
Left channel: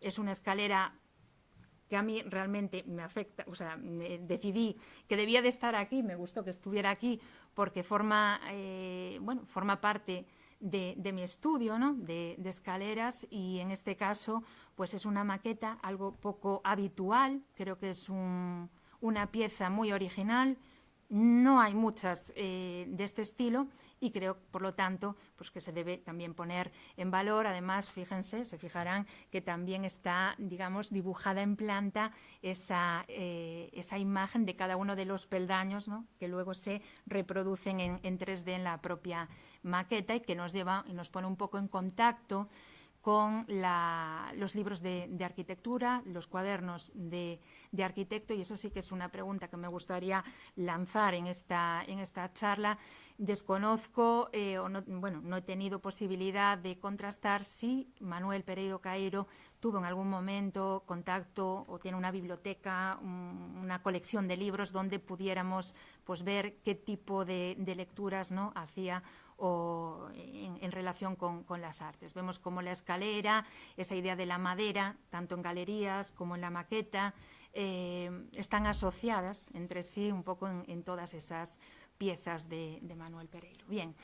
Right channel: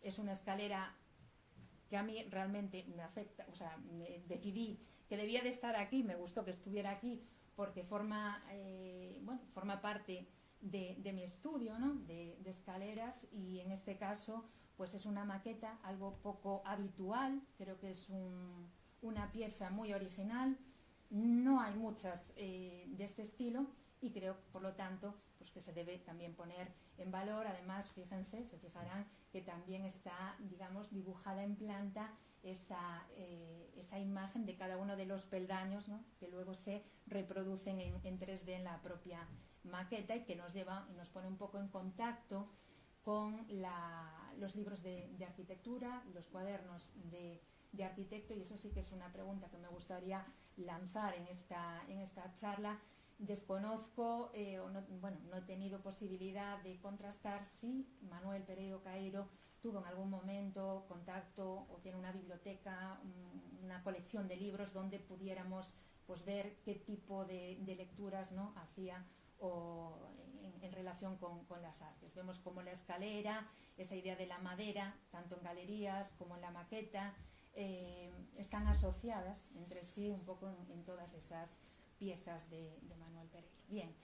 Es una escalera que a mí realmente me afecta, o sea, decidí que debía de estar aquí, me gustó que estuviera aquí porque forma parte de mi estudio, ¿no? de escaleras, y en este caso pues es una maqueta algo poco habitual, creo que es una pieza muy original, no hay muchas de este estilo y creo, por lo tanto, pues que se debe también poner en valor. Además, fíjense, se fijarán que también está, digamos, dibujada en planta esa imagen de cada uno de los peldaños, ¿no? que luego se reproducen en 3D en la propia maqueta y que nos lleva y nos pone un poco en contacto con los libros de arquitectura, los cuadernos de arquitecto, y eso sí que es una pregunta que me gustaría lanzar en esta charla. Desconozco, no he tenido posibilidad de contrastar si Manuel Pereiro Caeiro tuvo en algún momento contacto o tiene una biblioteca, una colección de libros donde pudiéramos pues, ver qué tipo de lecturas, ¿no? hacía o en relación con las artes. Vemos como la escalera, esa idea de la madera, tanto en galerías como en la maqueta, están asociadas entre sí un poco en todas esas piezas de Manuel Pereiro. Bien,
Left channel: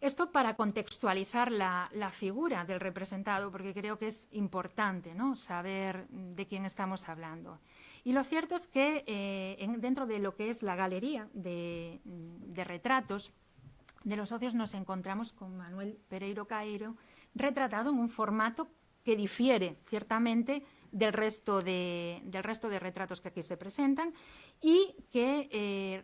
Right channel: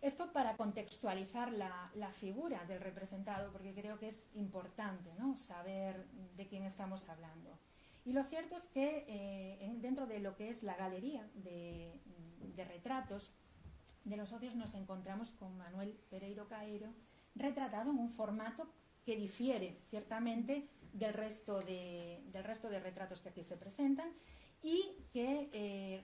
esto para contextualizar la figura del representado, porque creo que es importante, ¿no? saber de quién estamos hablando. Y lo cierto es que dentro de lo que es la galería de retratos de los socios nos encontramos con Manuel Pereiro Caeiro retratado en un formato que difiere ciertamente del resto de retratos que aquí se presentan y que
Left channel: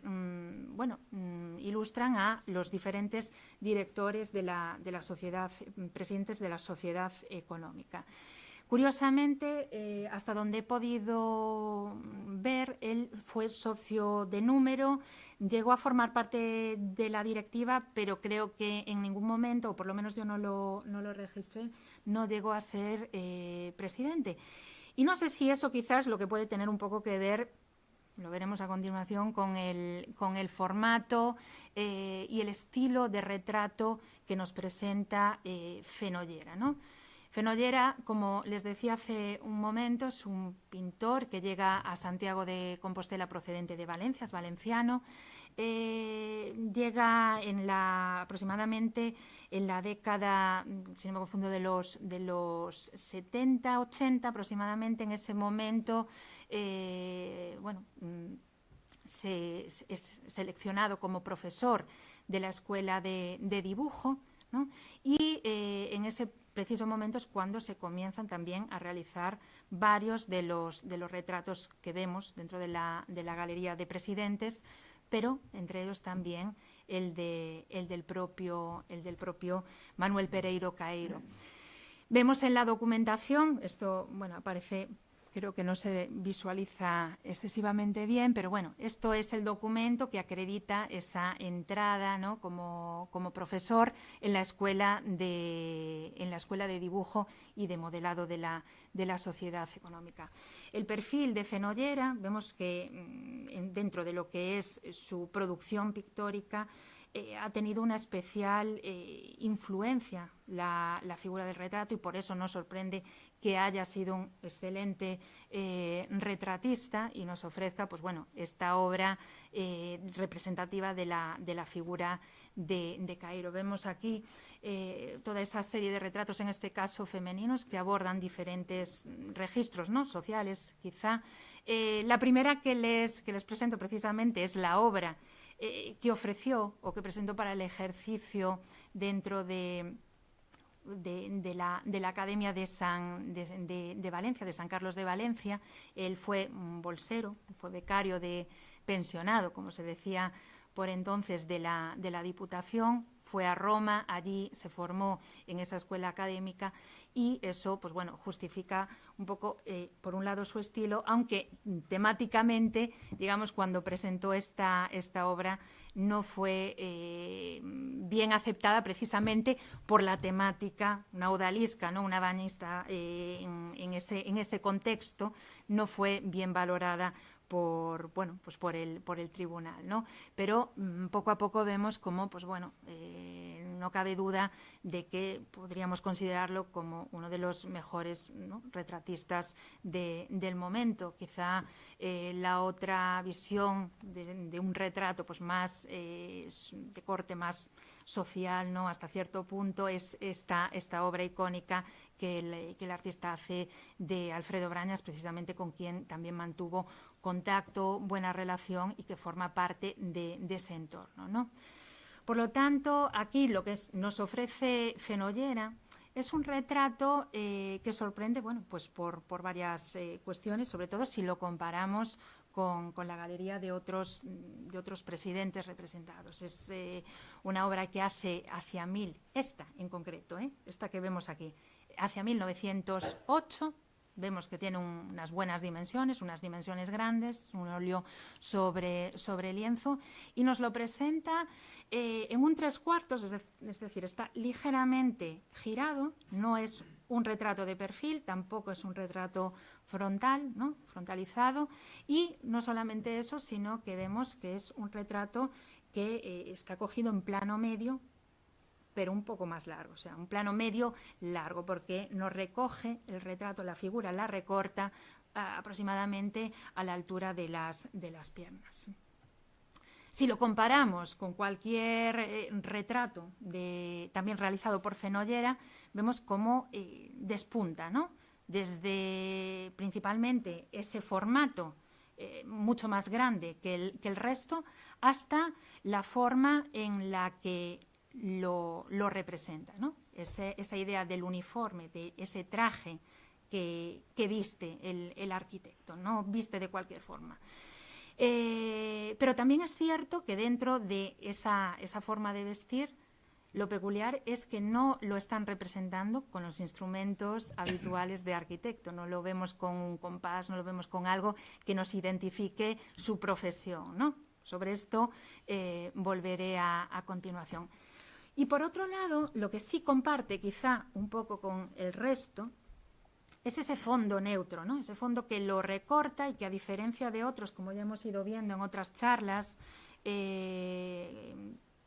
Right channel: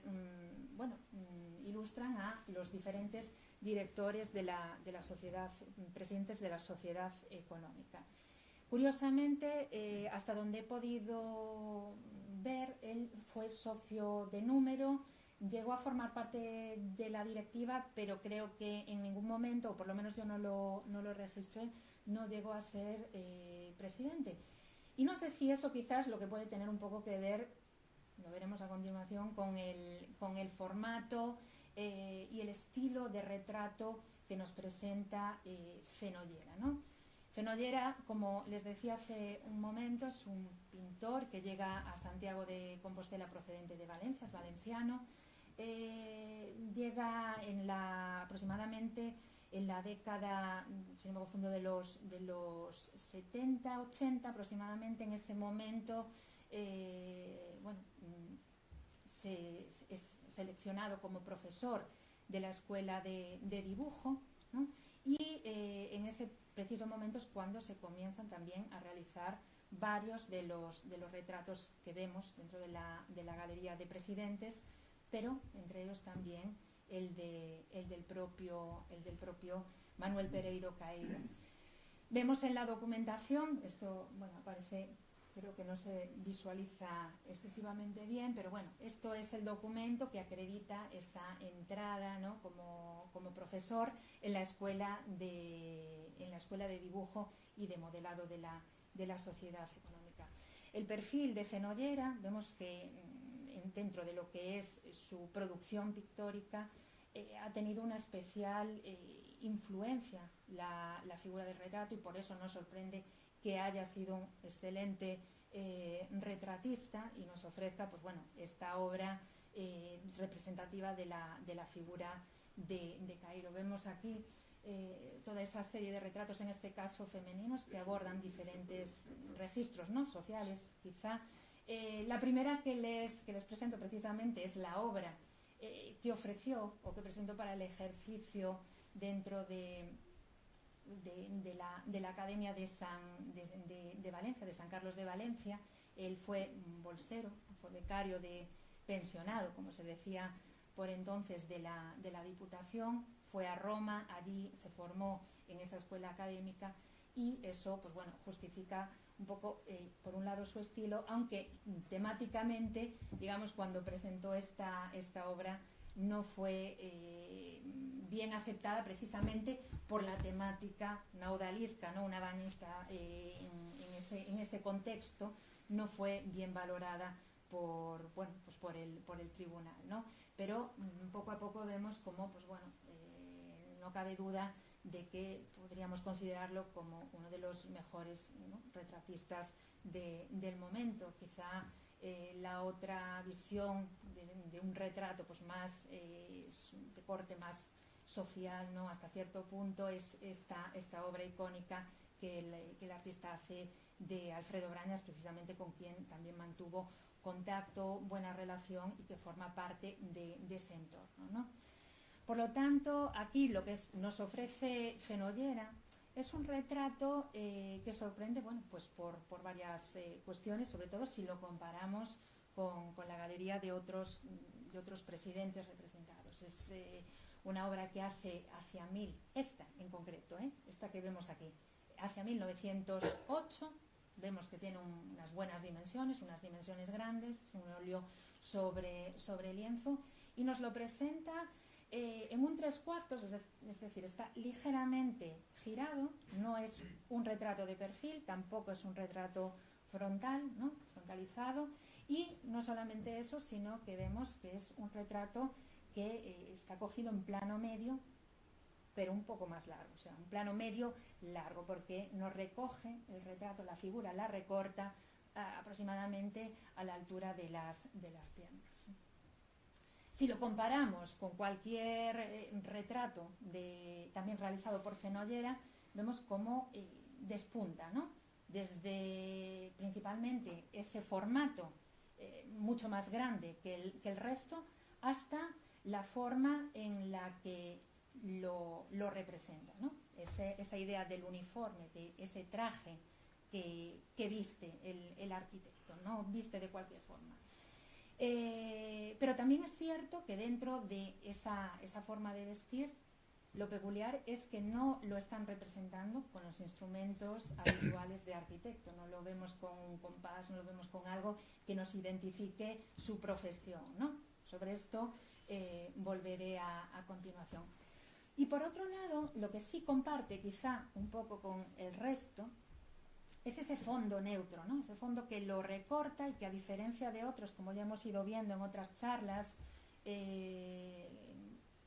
ilustran a los diferentes directores de la sociedad, presidentes de la sociedad económica. Curiosamente, hasta donde he podido ver, él fue socio de número, llegó a formar parte de la directiva, pero creo que en ningún momento, o por lo menos yo no lo registré, no llegó a ser presidente. Y no sé si eso quizás lo que puede tener un poco que ver, lo veremos a continuación, con el formato y el estilo de retrato que nos presenta Fenollera, ¿no? Fenollera, como les decía hace un momento, es un pintor que llega a Santiago de Compostela procedente de Valencia, es valenciano. Llega aproximadamente en la década, si no me confundo, de los 70, 80 aproximadamente. En ese momento, es seleccionado como profesor de la escuela de dibujo, ¿no? Y en ese preciso momento es cuando se comienzan también a realizar varios de los retratos que vemos dentro de la galería de presidentes, pero entre ellos también el del propio Manuel Pereiro Caeiro. Vemos en la documentación, esto aparece, creo que no se visualiza excesivamente bien, pero bueno, esto es el documento que acredita esa entrada, ¿no? como profesor en la escuela de dibujo y de modelado de la sociedad económica. El perfil de Fenollera, vemos que dentro de lo que es su producción pictórica, ha tenido una especial influencia la figura del retrato, y por eso nos sorprende que haya sido un excelente retratista y nos ofrezca esta obra representativa de la figura de Caeiro. Vemos aquí toda esa serie de retratos, en este caso femeninos, que abordan diferentes registros, ¿no? sociales, quizá. La primera que les presento precisamente es la obra que ofreció o que presentó para el ejercicio dentro de la Academia de Valencia, de San Carlos de Valencia. Él fue un bolsero, fue becario de pensionado, como se decía por entonces, de la Diputación. Fue a Roma, allí se formó en esa escuela académica, y eso justifica un poco, por un lado, su estilo, aunque temáticamente, digamos, cuando presentó esta obra no fue bien aceptada, precisamente por la temática, una odalisca, ¿no? una bañista, en ese contexto no fue bien valorada por el tribunal, ¿no? Pero poco a poco vemos cómo no cabe duda de que podríamos considerarlo como uno de los mejores, ¿no? retratistas del momento. Quizá la otra visión de un retrato más de corte más social, ¿no? Hasta cierto punto es esta obra icónica que el artista hace de Alfredo Brañas, precisamente con quien también mantuvo contacto, buena relación y que forma parte de ese entorno, ¿no? Por lo tanto, aquí lo que nos ofrece Fenollera es un retrato que sorprende, bueno, pues por varias cuestiones, sobre todo si lo comparamos con la galería de otros presidentes representados. Es una obra que hace hacia esta en concreto, esta que vemos aquí, hacia 1908, vemos que tiene unas buenas dimensiones, unas dimensiones grandes, un óleo sobre lienzo, y nos lo presenta en un 3/4, es decir, está ligeramente girado, no es un retrato de perfil, tampoco es un retrato frontal, ¿no? Frontalizado, y no solamente eso, sino que vemos que es un retrato que está cogido en plano medio, pero un poco más largo, o sea, un plano medio largo, porque nos recoge el retrato, la figura la recorta aproximadamente a la altura de las piernas. Si lo comparamos con cualquier retrato también realizado por Fenollera, vemos cómo despunta, ¿no? Desde principalmente ese formato mucho más grande que el resto, hasta la forma en la que lo representa, ¿no? Esa idea del uniforme, de ese traje que viste el arquitecto, no viste de cualquier forma. Pero también es cierto que dentro de esa forma de vestir, lo peculiar es que no lo están representando con los instrumentos habituales de arquitecto, no lo vemos con un compás, no lo vemos con algo que nos identifique su profesión, ¿no? Sobre esto volveré a continuación. Y por otro lado, lo que sí comparte quizá un poco con el resto es ese fondo neutro, ¿no? Ese fondo que lo recorta y que, a diferencia de otros, como ya hemos ido viendo en otras charlas,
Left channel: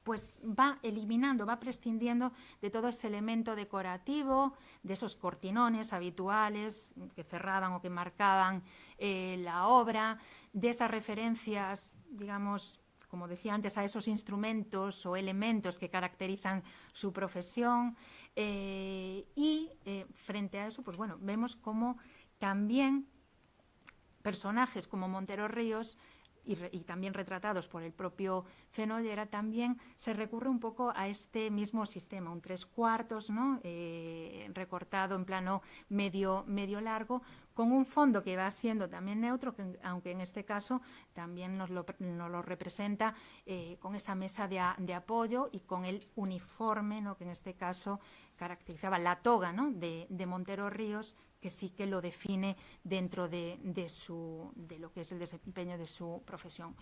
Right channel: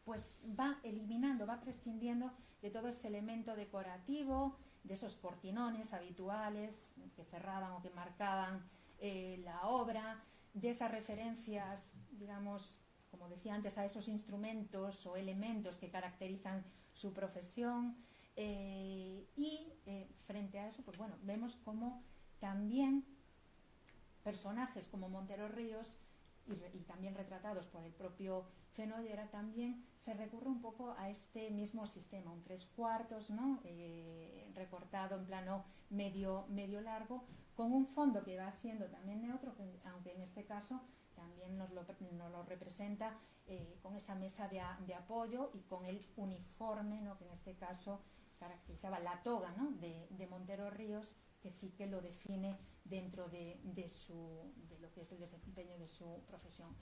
pues va eliminando, va prescindiendo de todo ese elemento decorativo, de esos cortinones habituales que cerraban o que marcaban la obra, de esas referencias, digamos, como decía antes, a esos instrumentos o elementos que caracterizan su profesión. Y frente a eso, pues bueno, vemos como también personajes como Montero Ríos y también retratados por el propio Fenollera, también se recurre un poco a este mismo sistema, un 3/4, ¿no? Recortado en plano medio largo, con un fondo que va siendo también neutro, aunque en este caso también nos lo representa con esa mesa de apoyo y con el uniforme, ¿no? Que en este caso caracterizaba la toga, ¿no? de Montero Ríos, que sí que lo define dentro de lo que es el desempeño de su profesión.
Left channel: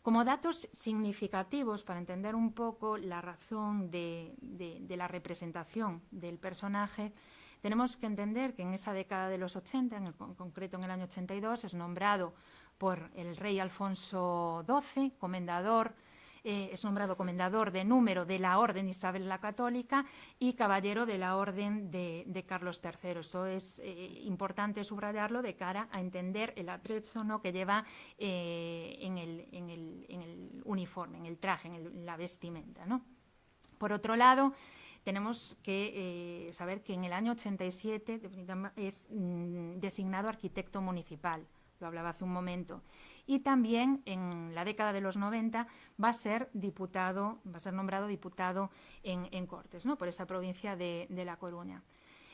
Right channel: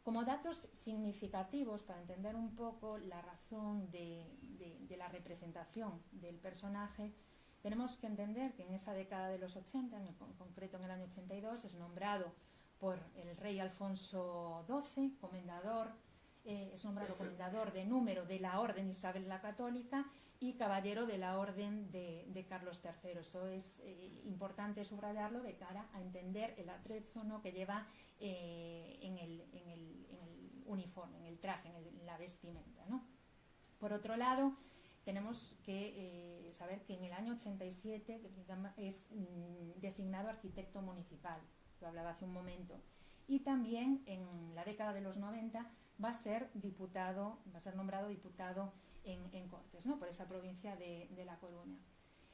Como datos significativos para entender un poco la razón de la representación del personaje, tenemos que entender que en esa década de los 80, en concreto en el año 82, es nombrado por el rey Alfonso XII, es nombrado comendador de número de la Orden Isabel la Católica y caballero de la Orden de Carlos III. Eso es importante subrayarlo de cara a entender el atrecho, ¿no? que lleva en el uniforme, en el traje, en la vestimenta, ¿no? Por otro lado, tenemos que saber que en el año 87 es designado arquitecto municipal, lo hablaba hace un momento. Y también en la década de los 90 va a ser nombrado diputado en Cortes, ¿no? Por esa provincia de La Coruña.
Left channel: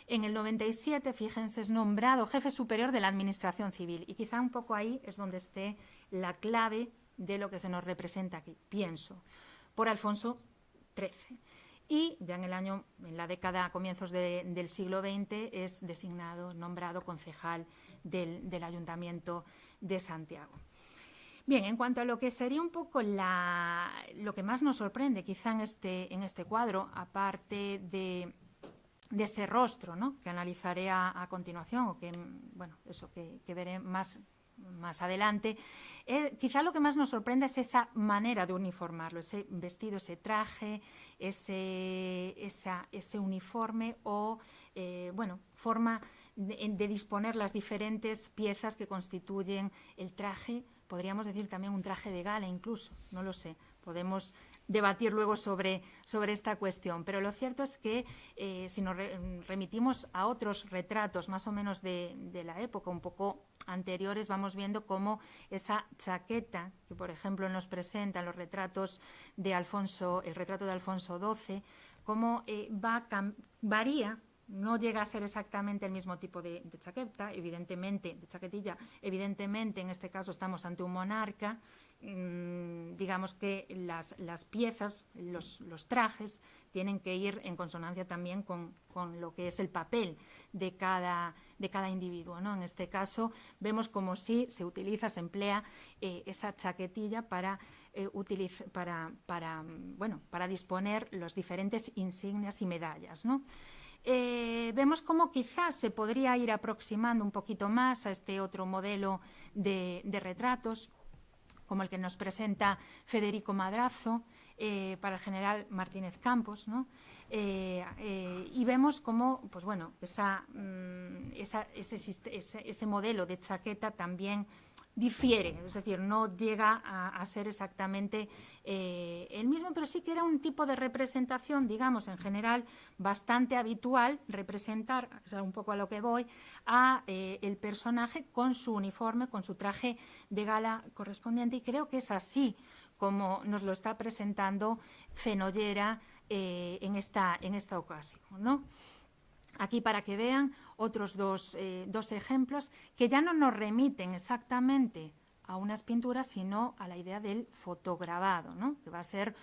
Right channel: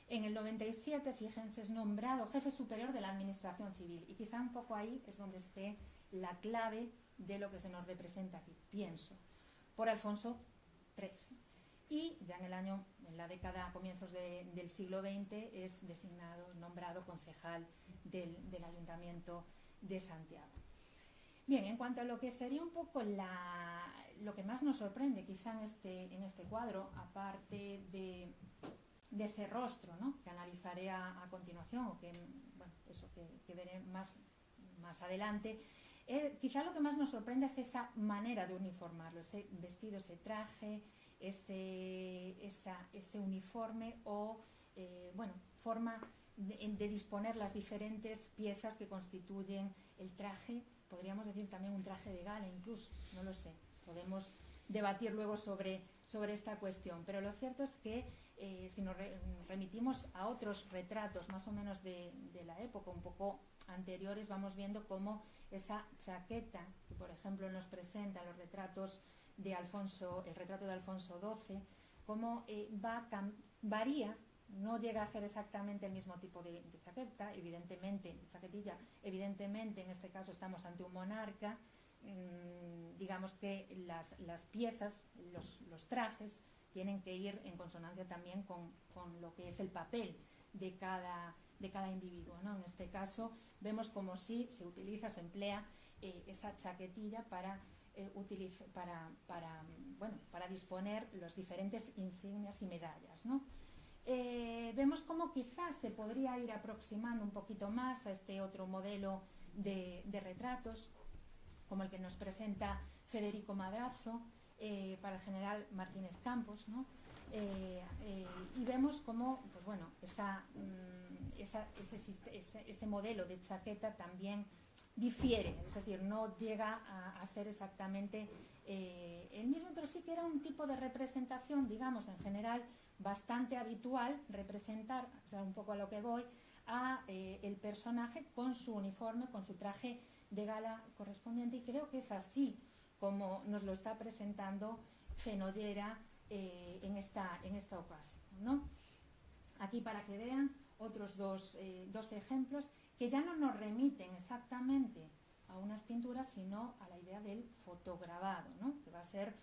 En el 97, fíjense, es nombrado jefe superior de la Administración Civil, y quizá un poco ahí es donde esté la clave de lo que se nos representa aquí, pienso, por Alfonso XIII. Y ya en la década, a comienzos del siglo XX, es nombrado concejal del Ayuntamiento de Santiago. Bien, en cuanto a lo que sería un poco lo que más nos sorprende quizá en este cuadro, aparte de ese rostro, ¿no? que analizaré a continuación, o que, bueno, eso que veré más adelante, quizá lo que más nos sorprende es esa manera de uniformarlo, ese vestido, ese traje, ese uniforme o, forma de disponer las diferentes piezas que constituyen el traje. Podríamos decir también un traje de gala incluso, no lo sé, podemos debatir luego sobre esta cuestión. Pero lo cierto es que si nos remitimos a otros retratos más o menos de la época, un poco anteriores, vamos viendo cómo esa chaqueta que, por ejemplo, nos presentan los retratos de Alfonso, el retrato de Alfonso XII, cómo varía. No llega a ser exactamente el mismo tipo de chaqueta, evidentemente, de chaquetilla. Evidentemente, en este caso estamos ante un monarca. Digamos que las piezas, los trajes, tienen que ir en consonancia también con lo que es el papel de cada individuo, ¿no? En este caso vemos como si se utiliza, se emplea esa chaquetilla para disponer los diferentes insignias y medallas, ¿no? Vemos cómo quizás se podría ir aproximando un poquito más a este otro modelo de retratos, como el que nos presenta Federico Madrazo para el general Martínez Campos, ¿no? Y vemos cómo, pues bueno, ese modelo de chaqueta también difiere, es decir, no llega a ser exactamente el mismo, pero sí que era un tipo de representación, digamos, en general bastante habitual, representar, es un poco a lo que voy, a el personaje con su uniforme, con su traje de gala correspondiente, y creo que es así como nos lo está presentando Fenollera en esta ocasión, ¿no? Aquí, para que vean otros dos ejemplos que ya no nos remiten exactamente a unas pinturas, sino a la idea del fotograbado, ¿no? Que va a ser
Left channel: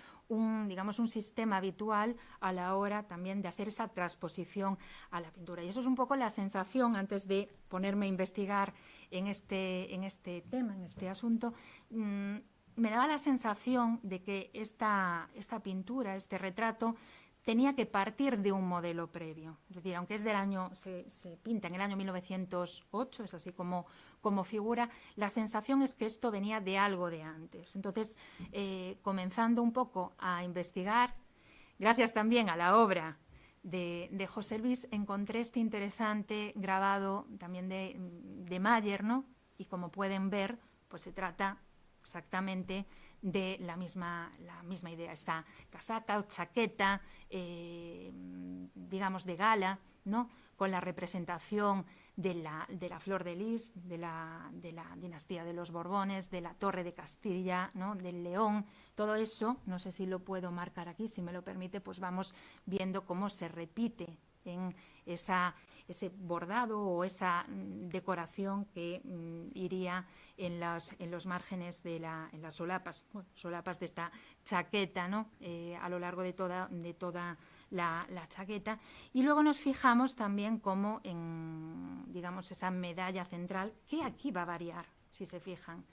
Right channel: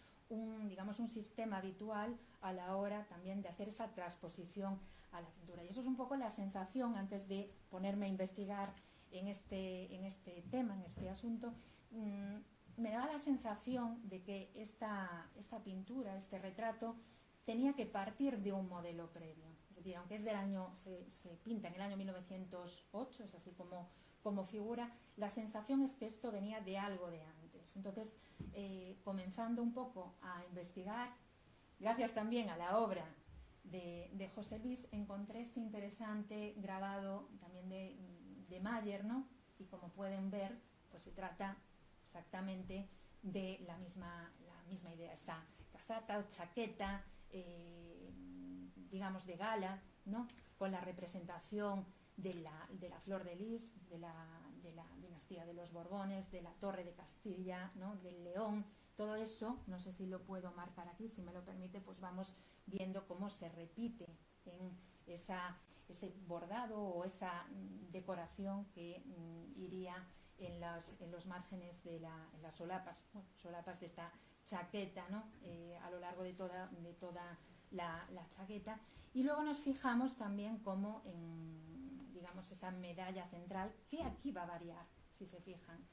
digamos, un sistema habitual a la hora también de hacer esa transposición a la pintura. Y eso es un poco la sensación, antes de ponerme a investigar en este tema, en este asunto, me daba la sensación de que esta pintura, este retrato, tenía que partir de un modelo previo. Es decir, aunque es del año, se pinta en el año 1908, es así como figura, la sensación es que esto venía de algo de antes. Entonces, comenzando un poco a investigar, gracias también a la obra de José Luis, encontré este interesante grabado también de Mayer, ¿no? Y como pueden ver, pues se trata exactamente de la misma idea, esta casaca o chaqueta, digamos, de gala, ¿no? Con la representación de la flor de lis, de la dinastía de los Borbones, de la Torre de Castilla, ¿no? Del León, todo eso, no sé si lo puedo marcar aquí, si me lo permite, pues vamos viendo cómo se repite en ese bordado o esa decoración que iría en los márgenes en las solapas, solapas de esta chaqueta, ¿no? A lo largo de toda la chaqueta. Y luego nos fijamos también como en, digamos, esa medalla central, que aquí va a variar, si se fijan,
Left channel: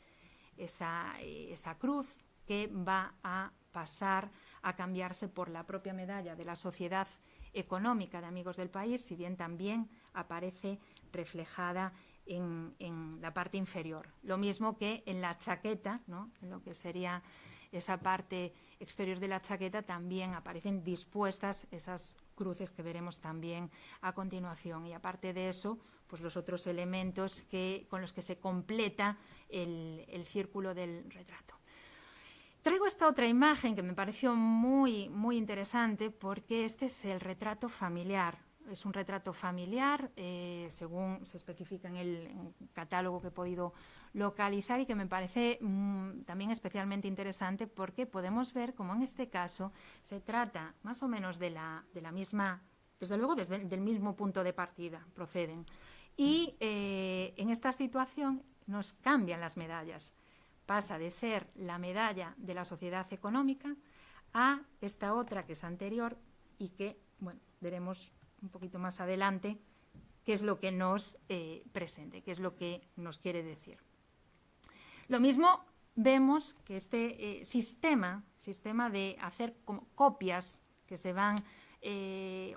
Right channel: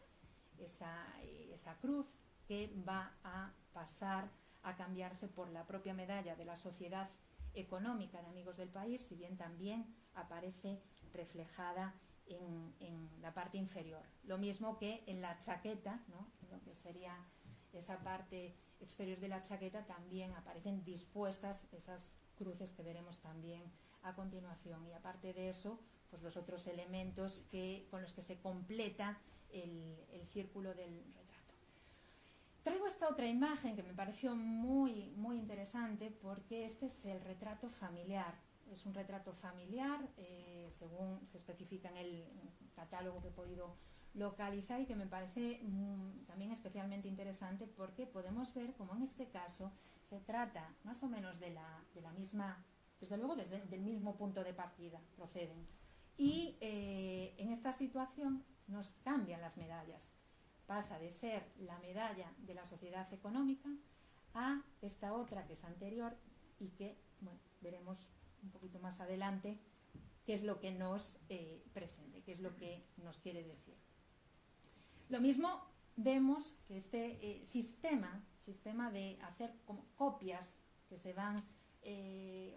esa cruz que va a pasar a cambiarse por la propia medalla de la Sociedad Económica de Amigos del País, si bien también aparece reflejada en la parte inferior. Lo mismo que en la chaqueta, ¿no? En lo que sería esa parte exterior de la chaqueta, también aparecen dispuestas esas cruces que veremos también a continuación. Y aparte de eso, pues los otros elementos con los que se completa el círculo del retrato. Traigo esta otra imagen que me pareció muy, muy interesante, porque este es el retrato familiar. Es un retrato familiar, según se especifica en el catálogo que he podido localizar, y que me parece también especialmente interesante, porque podemos ver cómo en este caso se trata más o menos de la misma, desde luego del mismo punto de partida, proceden. Y en esta situación nos cambian las medallas. Pasa de ser la medalla de la Sociedad Económica a esta otra que es anterior y que, bueno, veremos un poquito más adelante qué es lo que nos presente, qué es lo que nos quiere decir. Lo mismo vemos que este sistema de hacer como copias que se van,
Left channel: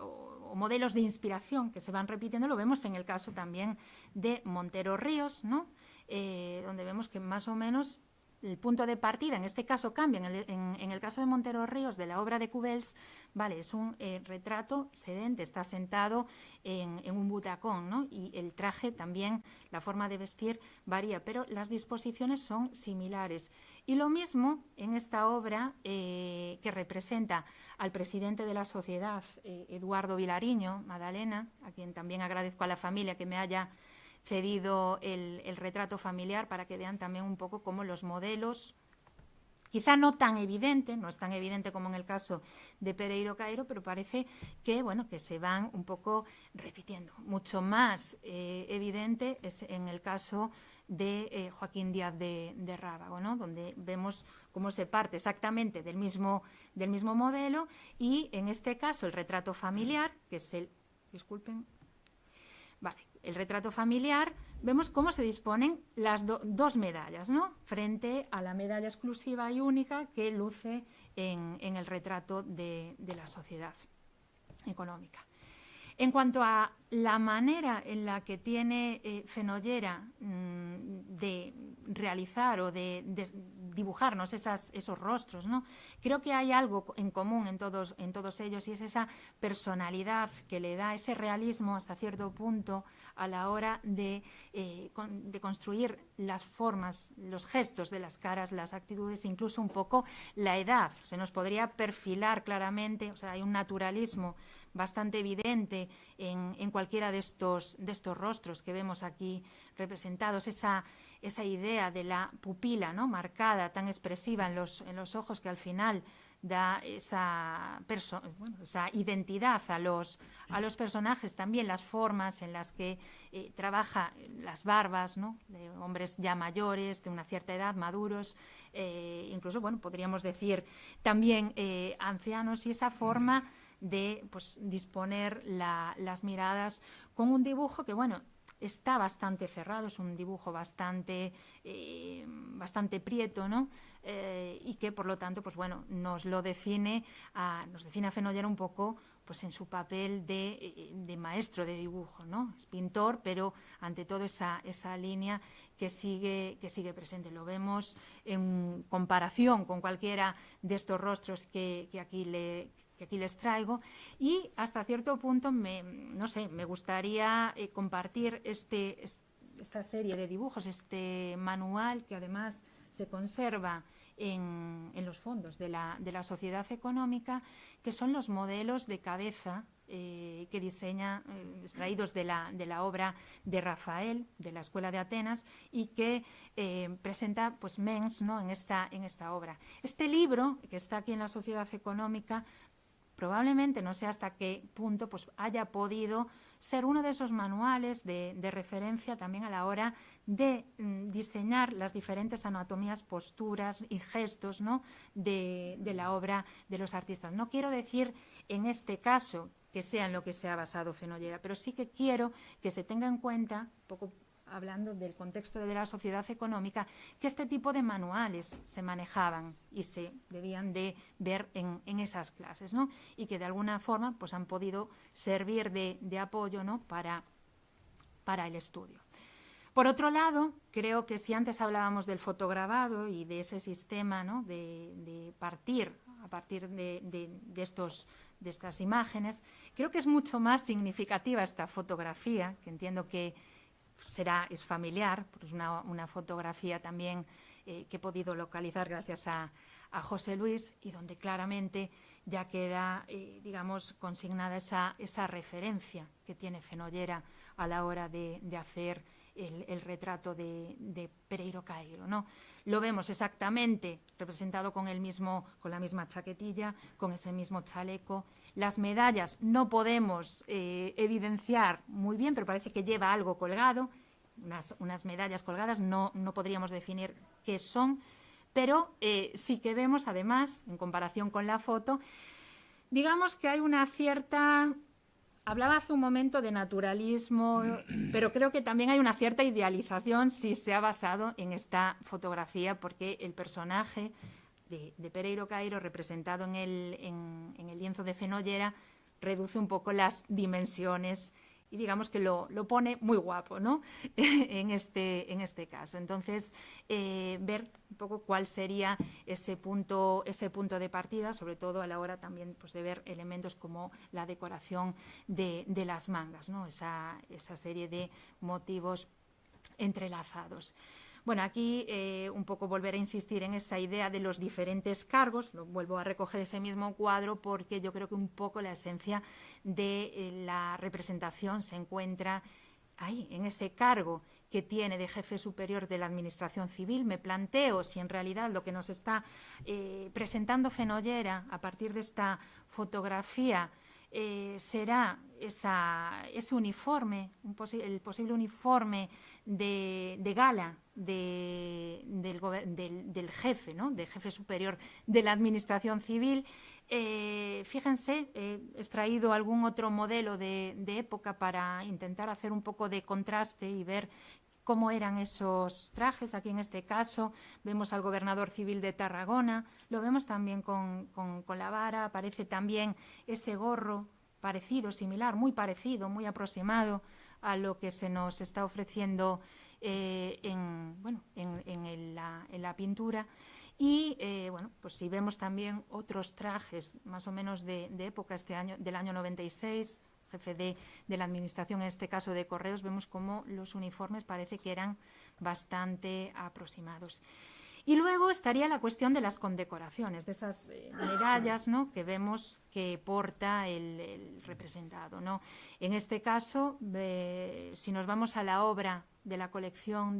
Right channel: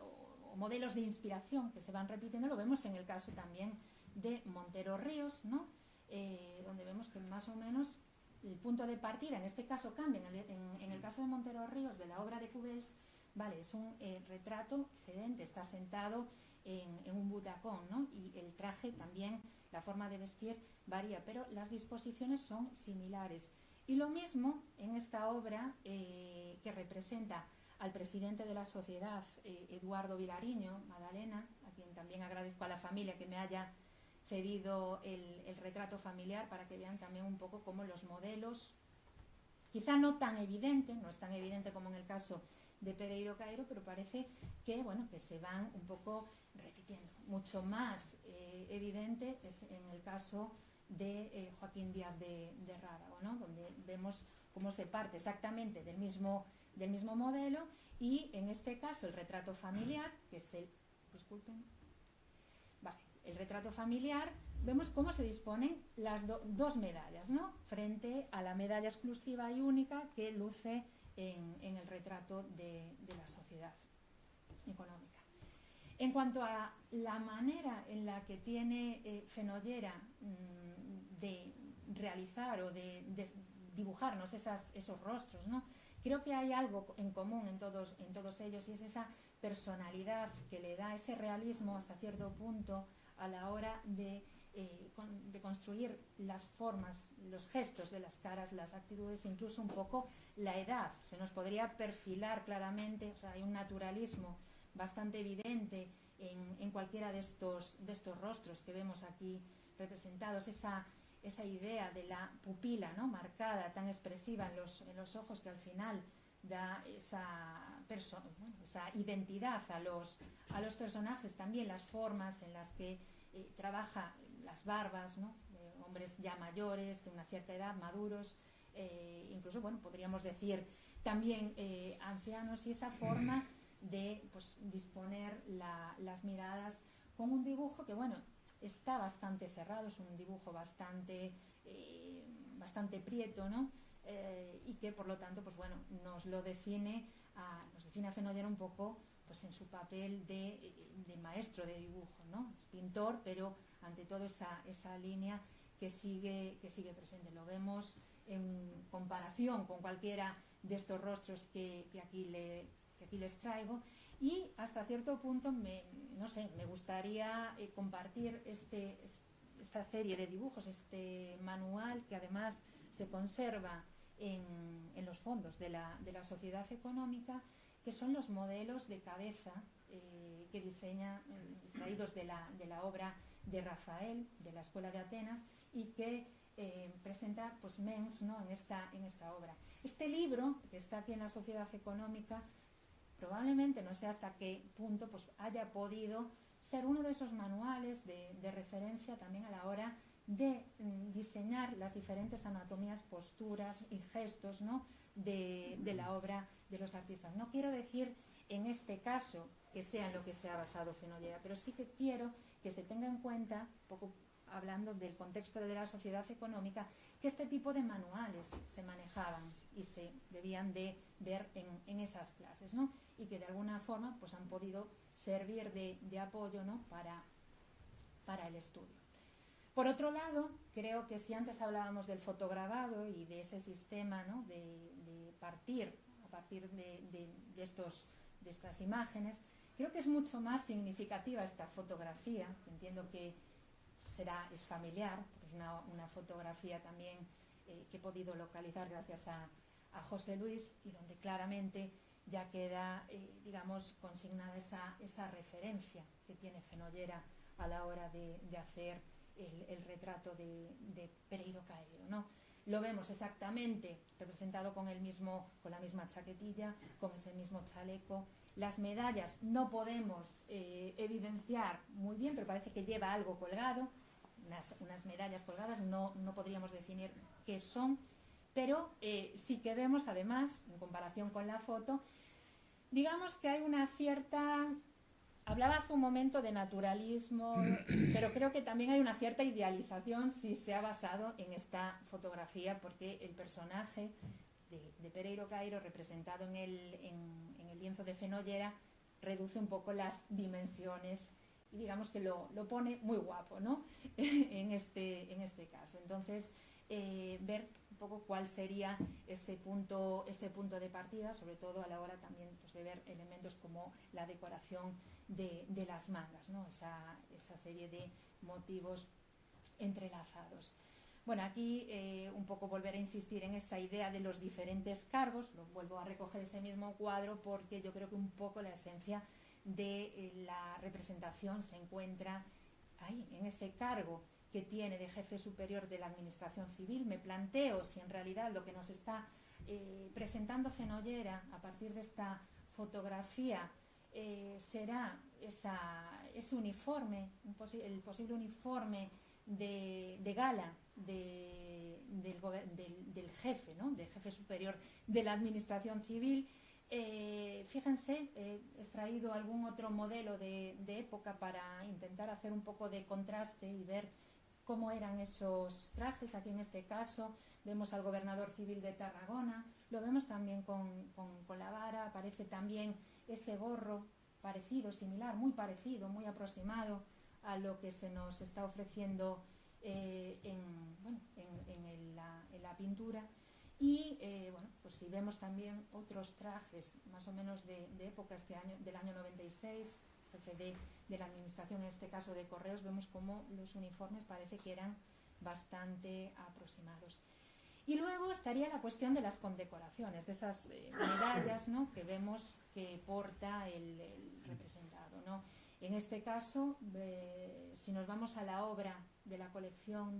o modelos de inspiración que se van repitiendo, lo vemos en el caso también de Montero Ríos, ¿no? Donde vemos que más o menos el punto de partida, en este caso cambia, en el caso de Montero Ríos, de la obra de Cubels, vale, es un retrato sedente, está sentado en un butacón, ¿no? Y el traje también, la forma de vestir varía, pero las disposiciones son similares. Y lo mismo en esta obra que representa al presidente de la sociedad, Eduardo Vilariño, Madalena, a quien también agradezco a la familia que me haya cedido el retrato familiar para que vean también un poco cómo los modelos, quizá no tan evidente, no es tan evidente como en el caso de Pereiro Cairo, pero parece que, bueno, que se van un poco repitiendo. Mucho más evidente es en el caso de Joaquín Díaz de Rábago, ¿no? Donde vemos cómo se parte exactamente del mismo modelo, y en este caso el retrato familiar, que es el... Disculpen. Vale, el retrato familiar, vemos cómo se disponen las dos medallas, ¿no? Frente a la medalla exclusiva y única que luce en el retrato de la sociedad económica. En cuanto a la manera en la que tiene Fenollera de realizar o de dibujarnos esos rostros, ¿no? Creo que hay algo en común en todos ellos, y es esa personalidad que le da ese realismo hasta cierto punto a la hora de construir las formas, los gestos de las caras, las actitudes, incluso un poco la edad. Se nos podría perfilar claramente, o sea, hay un naturalismo bastante evidente en cualquiera de estos rostros que vemos aquí representados, esa idea de la pupila, ¿no? Marcada, tan expresiva en los ojos, que al final da esa identidad a los personajes. También las formas en las que trabaja las barbas, ¿no? De hombres ya mayores, de una cierta edad, maduros, incluso, bueno, podríamos decir también ancianos, y esa forma de, pues, disponer las miradas con un dibujo que, bueno, está bastante cerrado, es un dibujo bastante prieto, ¿no? Y que, por lo tanto, pues bueno, nos define a Fenollera un poco, pues, en su papel de maestro de dibujo, ¿no? Es pintor, pero ante todo esa línea que sigue presente. Lo vemos en comparación con cualquiera de estos rostros que aquí les traigo, y hasta cierto punto me gustaría compartir esta serie de dibujos, este manual que además se conserva en los fondos de la Sociedad Económica, que son los modelos de cabeza que diseña, extraídos de la obra de Rafael, de la Escuela de Atenas, y que presenta, pues, Mengs, ¿no? en esta obra. Este libro, que está aquí en la Sociedad Económica, probablemente, no sé hasta qué punto, pues, haya podido ser uno de esos manuales de referencia también a la hora de diseñar las diferentes anatomías, posturas y gestos, ¿no? de la obra de los artistas. No quiero decir en este caso que sea en lo que se ha basado Fenollera, pero sí que quiero que se tenga en cuenta, un poco hablando del contexto de la Sociedad Económica, que este tipo de manuales se manejaban y se debían de ver en esas clases, ¿no? Y que de alguna forma, pues, han podido servir de apoyo, ¿no? para el estudio. Por otro lado, creo que si antes hablábamos del fotograbado y de ese sistema, ¿no? de partir a partir de estas imágenes, creo que es mucho más significativa esta fotografía, que entiendo que es familiar, porque es una fotografía también que he podido localizar gracias a José Luis, y donde claramente ya queda, digamos, consignada esa referencia que tiene Fenollera a la hora de hacer el retrato de Pereiro Cairo, ¿no? Lo vemos exactamente representado con la misma chaquetilla, con ese mismo chaleco. Las medallas no podemos evidenciar muy bien, pero parece que lleva algo colgado, unas medallas colgadas, no podríamos definir qué son, pero sí que vemos, además, en comparación con la foto, digamos que hay una cierta... Hablaba hace un momento de naturalismo, pero creo que también hay una cierta idealización si se ha basado en esta fotografía, porque el personaje de Pereiro Cairo, representado en el lienzo de Fenollera, reduce un poco las dimensiones y digamos que lo pone muy guapo, ¿no? en este caso. Entonces, ver un poco cuál sería ese punto de partida, sobre todo a la hora también pues, de ver elementos como la decoración de las mangas, ¿no? Esa serie de motivos entrelazados. Bueno, aquí un poco volver a insistir en esa idea de los diferentes cargos, lo vuelvo a recoger ese mismo cuadro porque yo creo que un poco la esencia de la representación se encuentra ahí, en ese cargo que tiene de jefe superior de la Administración Civil. Me planteo si en realidad lo que nos está presentando Fenollera a partir de esta fotografía será ese uniforme, el posible uniforme de gala del jefe, ¿no? Del jefe superior de la Administración Civil. Fíjense, he extraído algún otro modelo de época para intentar hacer un poco de contraste y ver cómo eran esos trajes. Aquí en este caso vemos al gobernador civil de Tarragona, lo vemos también con la vara, aparece también ese gorro parecido, similar, muy parecido, muy aproximado a lo que se nos está ofreciendo en la pintura. Y bueno, pues si vemos también otros trajes más o menos de época del año 96, jefe de la administración, en este caso de Correos, vemos como los uniformes parece que eran bastante aproximados. Y luego estaría la cuestión de las condecoraciones, de esas medallas, ¿no?, que vemos que porta el representado, ¿no? En este caso, si nos vamos a la obra de la colección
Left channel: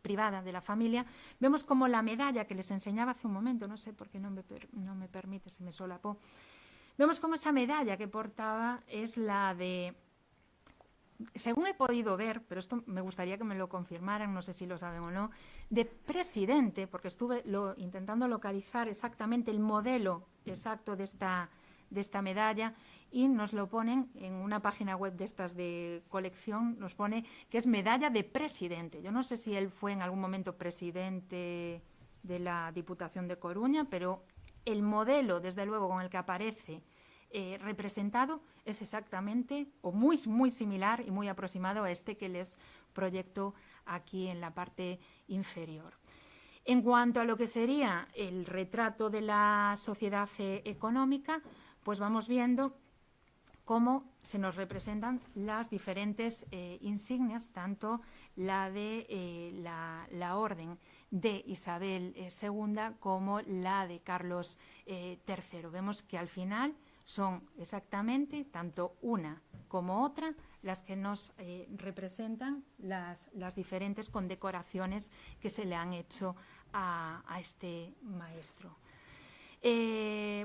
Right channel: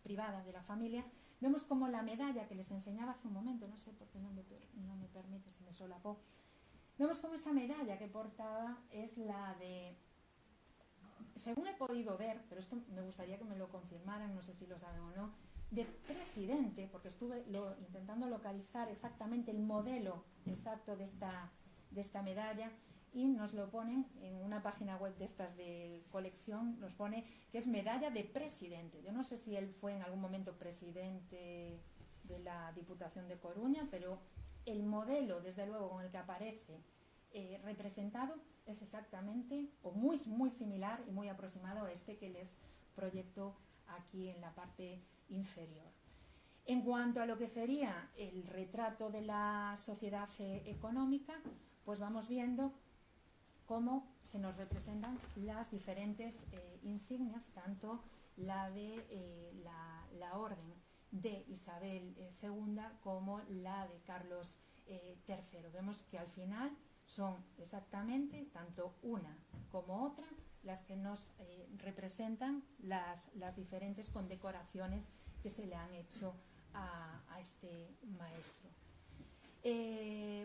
privada de la familia, vemos como la medalla que les enseñaba hace un momento, no sé por qué no me permite, se me solapó, vemos como esa medalla que portaba es la de, según he podido ver, pero esto me gustaría que me lo confirmaran, no sé si lo saben o no, de presidente, porque estuve intentando localizar exactamente el modelo exacto de esta medalla, y nos lo ponen en una página web de estas de colección, nos pone que es medalla de presidente. Yo no sé si él fue en algún momento presidente de la Diputación de Coruña, pero el modelo, desde luego, con el que aparece representado es exactamente o muy, muy similar y muy aproximado a este que les proyecto aquí en la parte inferior. En cuanto a lo que sería el retrato de la sociedad económica, pues vamos viendo cómo se nos representan las diferentes insignias, tanto la de la Orden de Isabel II como la de Carlos III. Vemos que al final son exactamente tanto una como otra las que nos representan las diferentes condecoraciones que se le han hecho a este maestro.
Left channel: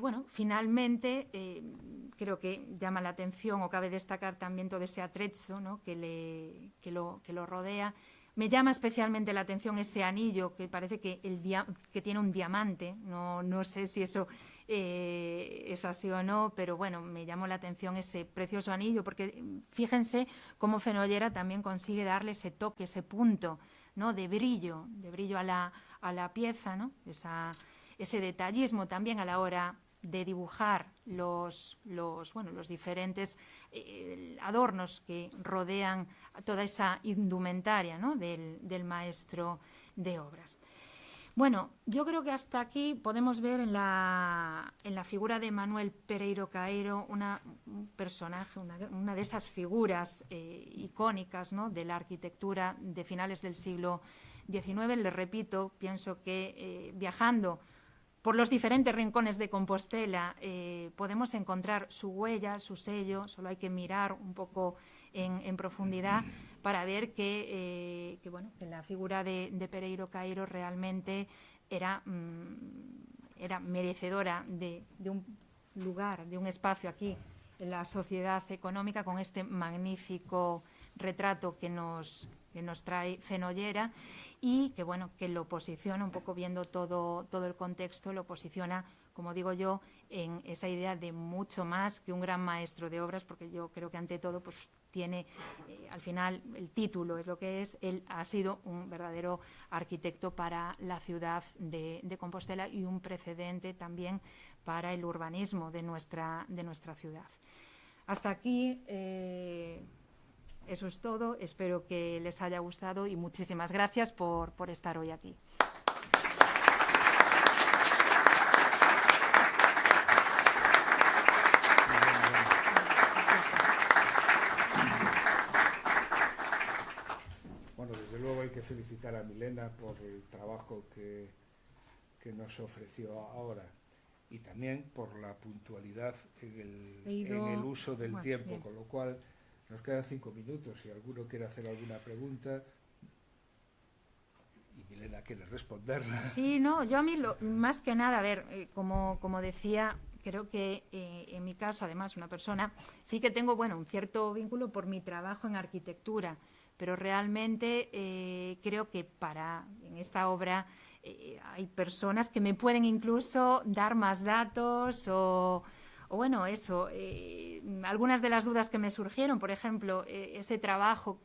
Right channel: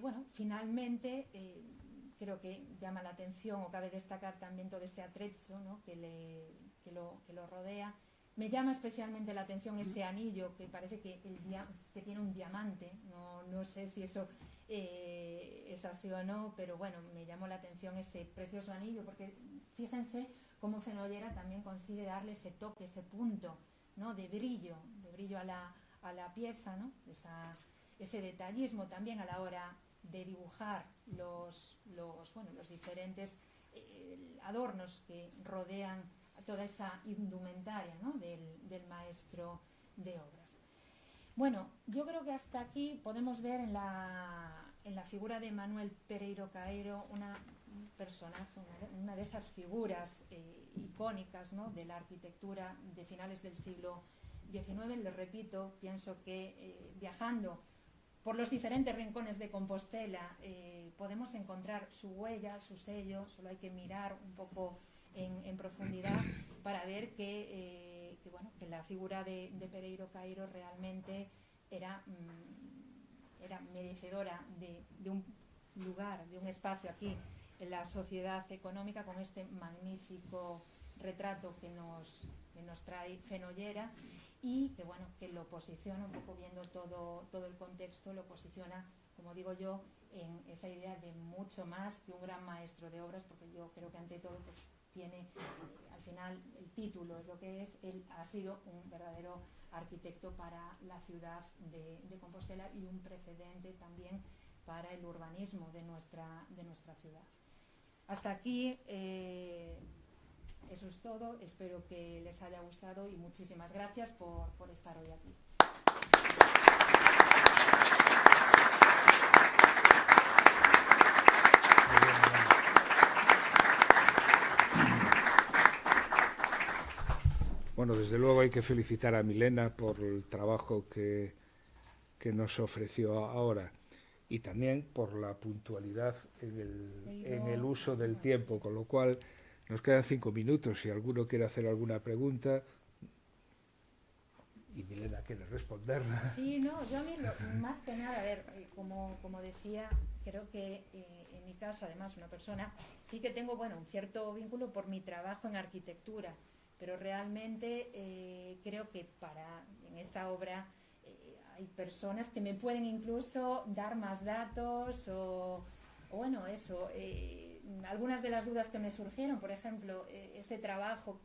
Bueno, finalmente creo que llama la atención o cabe destacar también todo ese atrezzo, ¿no?, que lo rodea. Me llama especialmente la atención ese anillo que parece que tiene un diamante. No sé si eso es así o no, pero bueno, me llamó la atención ese precioso anillo, porque fíjense cómo Fenollera también consigue darle ese toque, ese punto, ¿no?, de brillo a la pieza, ¿no?, ese detallismo también a la hora de dibujar los diferentes adornos que rodean toda esa indumentaria, ¿no?, del maestro de obras. Bueno, yo creo que hasta aquí podemos ver en la figura de Manuel Pereiro Caeiro un personaje, una de esas figuras icónicas, ¿no?, de la arquitectura de finales del siglo XIX. Les repito, pienso que viajando por los diferentes rincones de Compostela podemos encontrar su huella, su sello. Solo hay que mirar un poco en profundidad para ver que la figura de Pereiro Caeiro realmente era merecedora de un lugar, de un espacio aquí en la sociedad económica, con este magnífico retrato que nos trae Fenollera, y que lo posiciona, un poco viendo todo el contexto, lo posiciona, como digo yo, en esa idea de mucho más que un gran maestro de obras, porque yo creo que ante todo pues tiene, al final el título es lo que es, él ha sido un verdadero arquitecto para la ciudad de Compostela y un precedente también para el urbanismo de nuestra ciudad. Hasta aquí Eso es todo. Espero que les haya gustado y muchísimas gracias por estar hoy aquí. Bueno, desde luego hay que felicitar a Milena por el trabajo que nos ofreció ahora y también por la puntualidad en el uso del tiempo, con lo cual nos quedan 5 minutos. Si alguno quiere hacer alguna pregunta y Milena quiere responderla. Sí, no, yo a mí más que nada, a ver, como decía, creo que en mi caso, además, una persona, sí que tengo, bueno, un cierto vínculo por mi trabajo en arquitectura, pero realmente creo que en esta obra hay personas que me pueden incluso dar más datos o bueno, eso, algunas de las dudas que me surgieron, por ejemplo, ese trabajo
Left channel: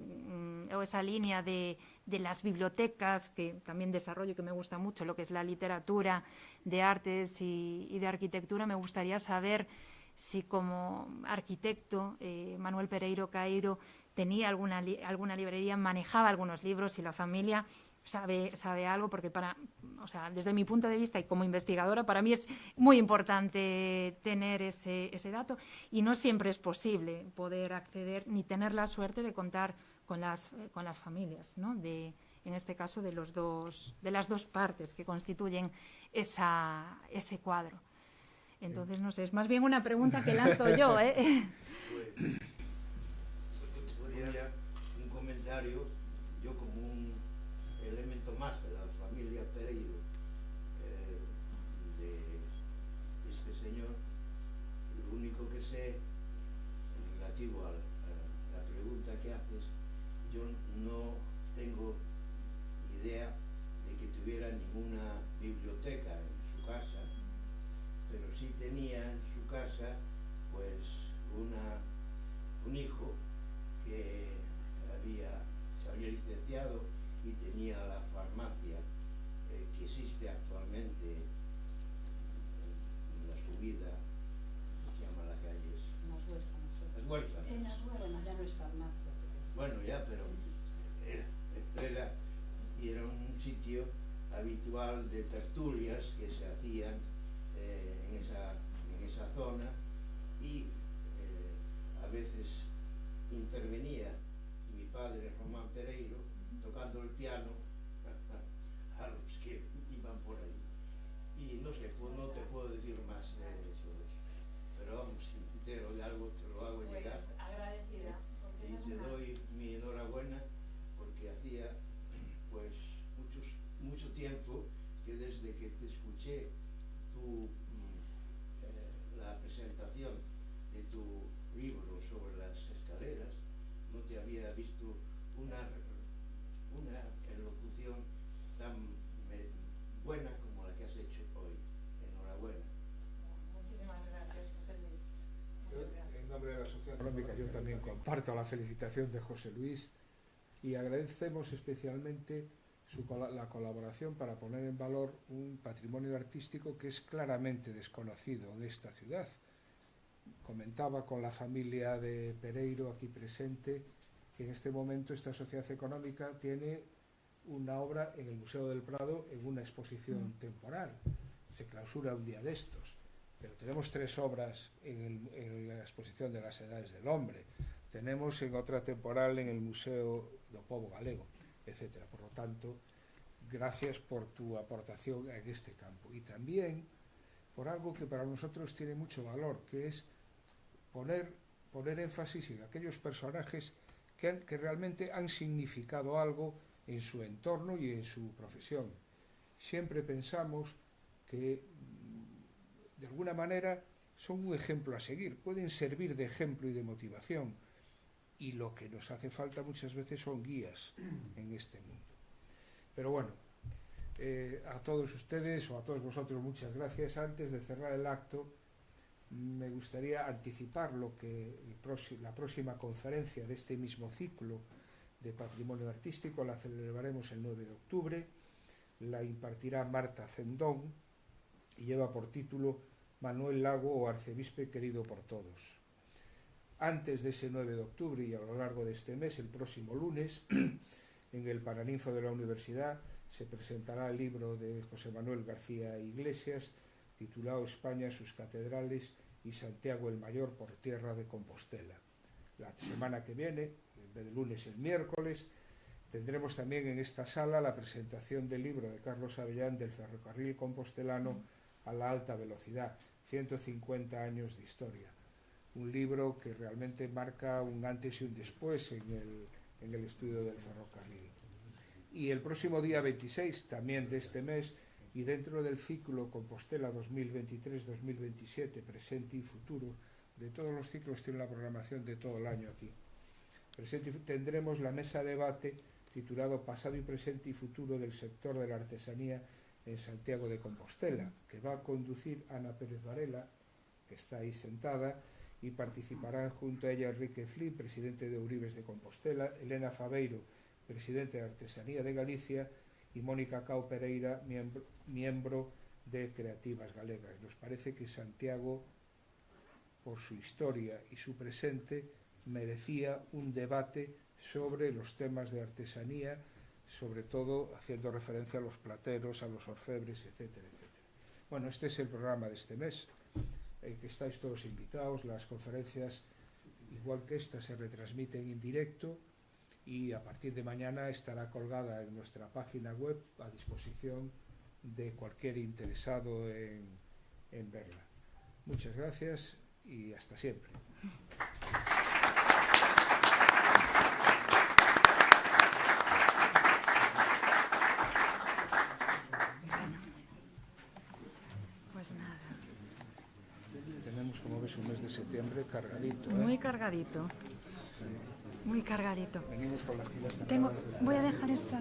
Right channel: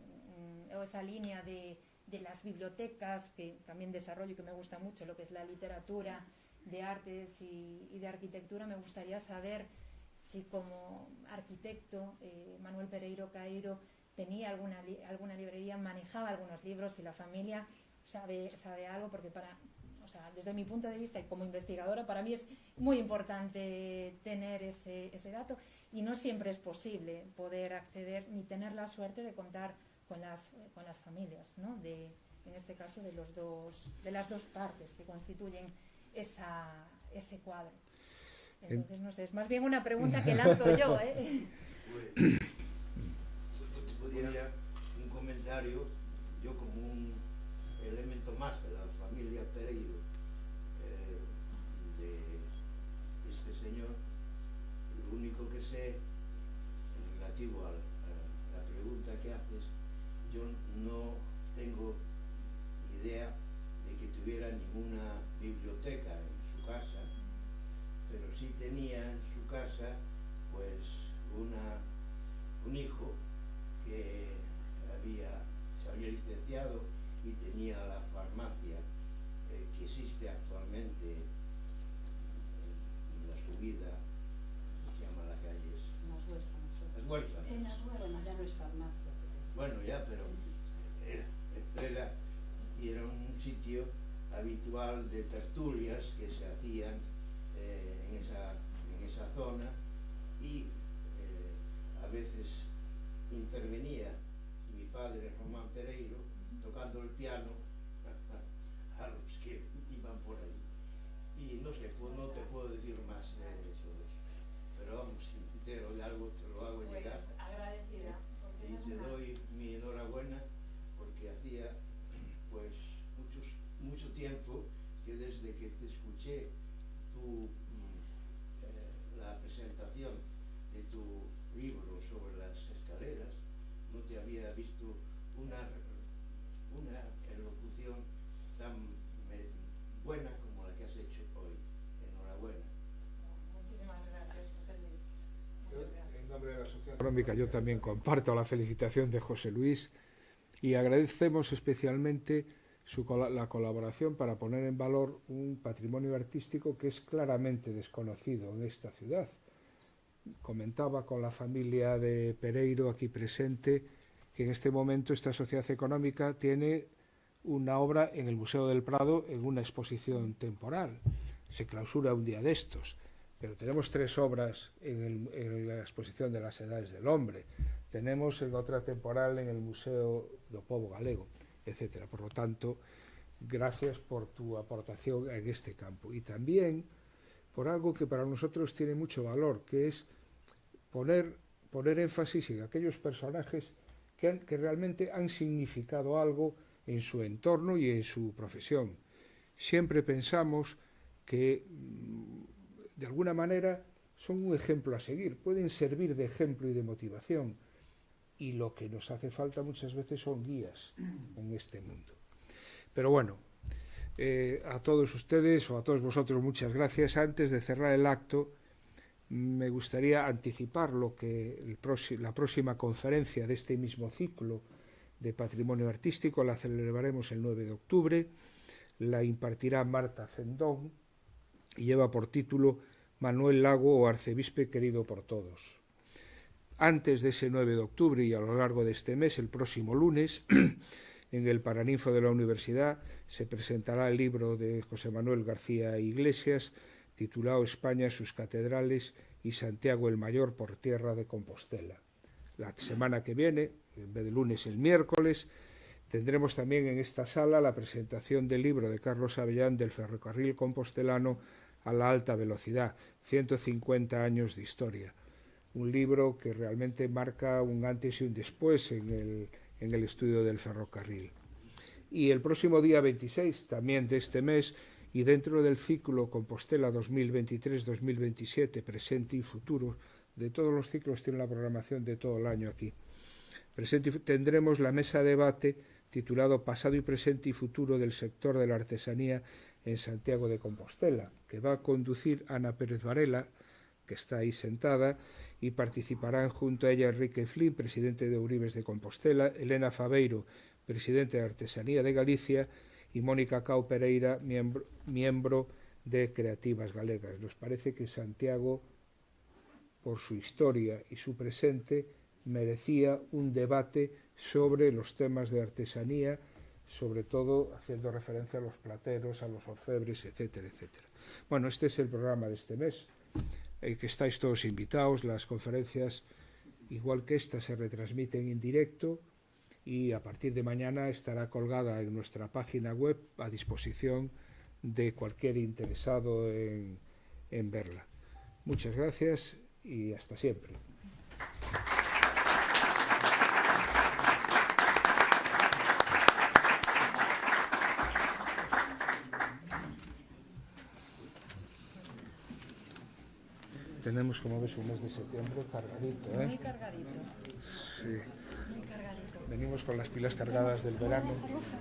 o esa línea de las bibliotecas, que también desarrollo, que me gusta mucho, lo que es la literatura de artes y de arquitectura, me gustaría saber si como arquitecto Manuel Pereiro Caeiro tenía alguna librería, manejaba algunos libros, y la familia sabe algo, porque desde mi punto de vista y como investigadora, para mí es muy importante tener ese dato, y no siempre es posible poder acceder ni tener la suerte de contar con las familias, ¿no? En este caso de las dos partes que constituyen ese cuadro. Entonces, no sé, es más bien una pregunta que lanzo yo, ¿eh? Podría un comentario, yo como un elemento más de la familia Pereiro, de este señor, lo único que sé relativo a la pregunta que haces, yo no tengo idea de que tuviera ninguna biblioteca en su casa, pero sí tenía en su casa pues un hijo que se había licenciado y tenía la farmacia que existe actualmente en la subida, ¿cómo se llama la calle? Las Huérfanas. En Las Huérfanas ya no es farmacia. Bueno, ya, pero era un sitio habitual de tertulias que se hacían en esa zona, y a veces intervenía mi padre Román Pereiro tocando el piano a los que iban por ahí. Y no sé, pues no te puedo decir más de eso, pero vamos, si me entero de algo te lo hago llegar. Pues agradecida. Y te doy mi enhorabuena, porque hacía pues mucho tiempo que desde que te escuché la presentación de tu libro sobre las escaleras, no te había visto una elocución tan buena como la que has hecho hoy. Enhorabuena. Muchísimas gracias, José Luis. En nombre de la Sociedad Económica, yo también comparto la felicitación de José Luis y agradecemos especialmente la colaboración para poner en valor un patrimonio artístico que es claramente desconocido en esta ciudad. Comentaba con la familia de Pereiro aquí presente que en este momento esta sociedad económica tiene una obra en el Museo del Prado en una exposición temporal. Se clausura un día de estos, pero tenemos 3 obras en la exposición de las Edades del Hombre. Tenemos en otra temporal en el Museo do Pobo Galego, etcétera. Por lo tanto, gracias por tu aportación en este campo. Y también por algo que para nosotros tiene mucho valor, que es poner énfasis en aquellos personajes que realmente han significado algo en su entorno y en su profesión. Siempre pensamos que, de alguna manera, son un ejemplo a seguir, pueden servir de ejemplo y de motivación, y lo que nos hace falta muchas veces son guías en este mundo. Pero bueno, a todos ustedes o a todos vosotros muchas gracias. Antes de cerrar el acto, me gustaría anticipar lo que la próxima conferencia de este mismo ciclo de Patrimonio Artístico la celebraremos el 9 de octubre, la impartirá Marta Cendón y lleva por título Manuel Lago o Arcebispe querido por todos. antes de ese 9 de octubre y a lo largo de este mes, el próximo lunes, en el Paraninfo de la Universidad, se presentará el libro de José Manuel García Iglesias, titulado España, sus catedrales y Santiago el Mayor por tierra de Compostela. La semana que viene, en vez de lunes, el miércoles, tendremos también en esta sala la presentación del libro de Carlos Avellán del ferrocarril compostelano a la alta velocidad, 150 años de historia. Un libro que realmente marca un antes y un después en el estudio del ferrocarril. Y el próximo día 26, también de este mes, y dentro del ciclo Compostela 2023-2027, presente y futuro, de todos los ciclos tiene la programación de todo el año aquí. Tendremos la mesa de debate titulado Pasado y presente y futuro del sector de la artesanía en Santiago de Compostela, que va a conducir Ana Pérez Varela, que está ahí sentada, y participarán junto a ella Enrique Flynn, presidente de Uribes de Compostela, Elena Fabeiro, presidente de Artesanía de Galicia, y Mónica Cao Pereira, miembro de Creativas Galegas. Nos parece que Santiago, por su historia y su presente, merecía un debate sobre los temas de artesanía, sobre todo haciendo referencia a los plateros, a los orfebres, etcétera, etcétera. Bueno, este es el programa de este mes, que estáis todos invitados. Las conferencias, igual que esta, se retransmiten en directo y a partir de mañana estará colgada en nuestra página web a disposición de cualquier interesado en verla. Muchas gracias y hasta siempre. Tenemos, como veis, un mes de septiembre cargadito, ¿eh? Muy cargadito. Sí. Muy cargadito. Venimos con las pilas cargadas del verano. Voy a dejar esta.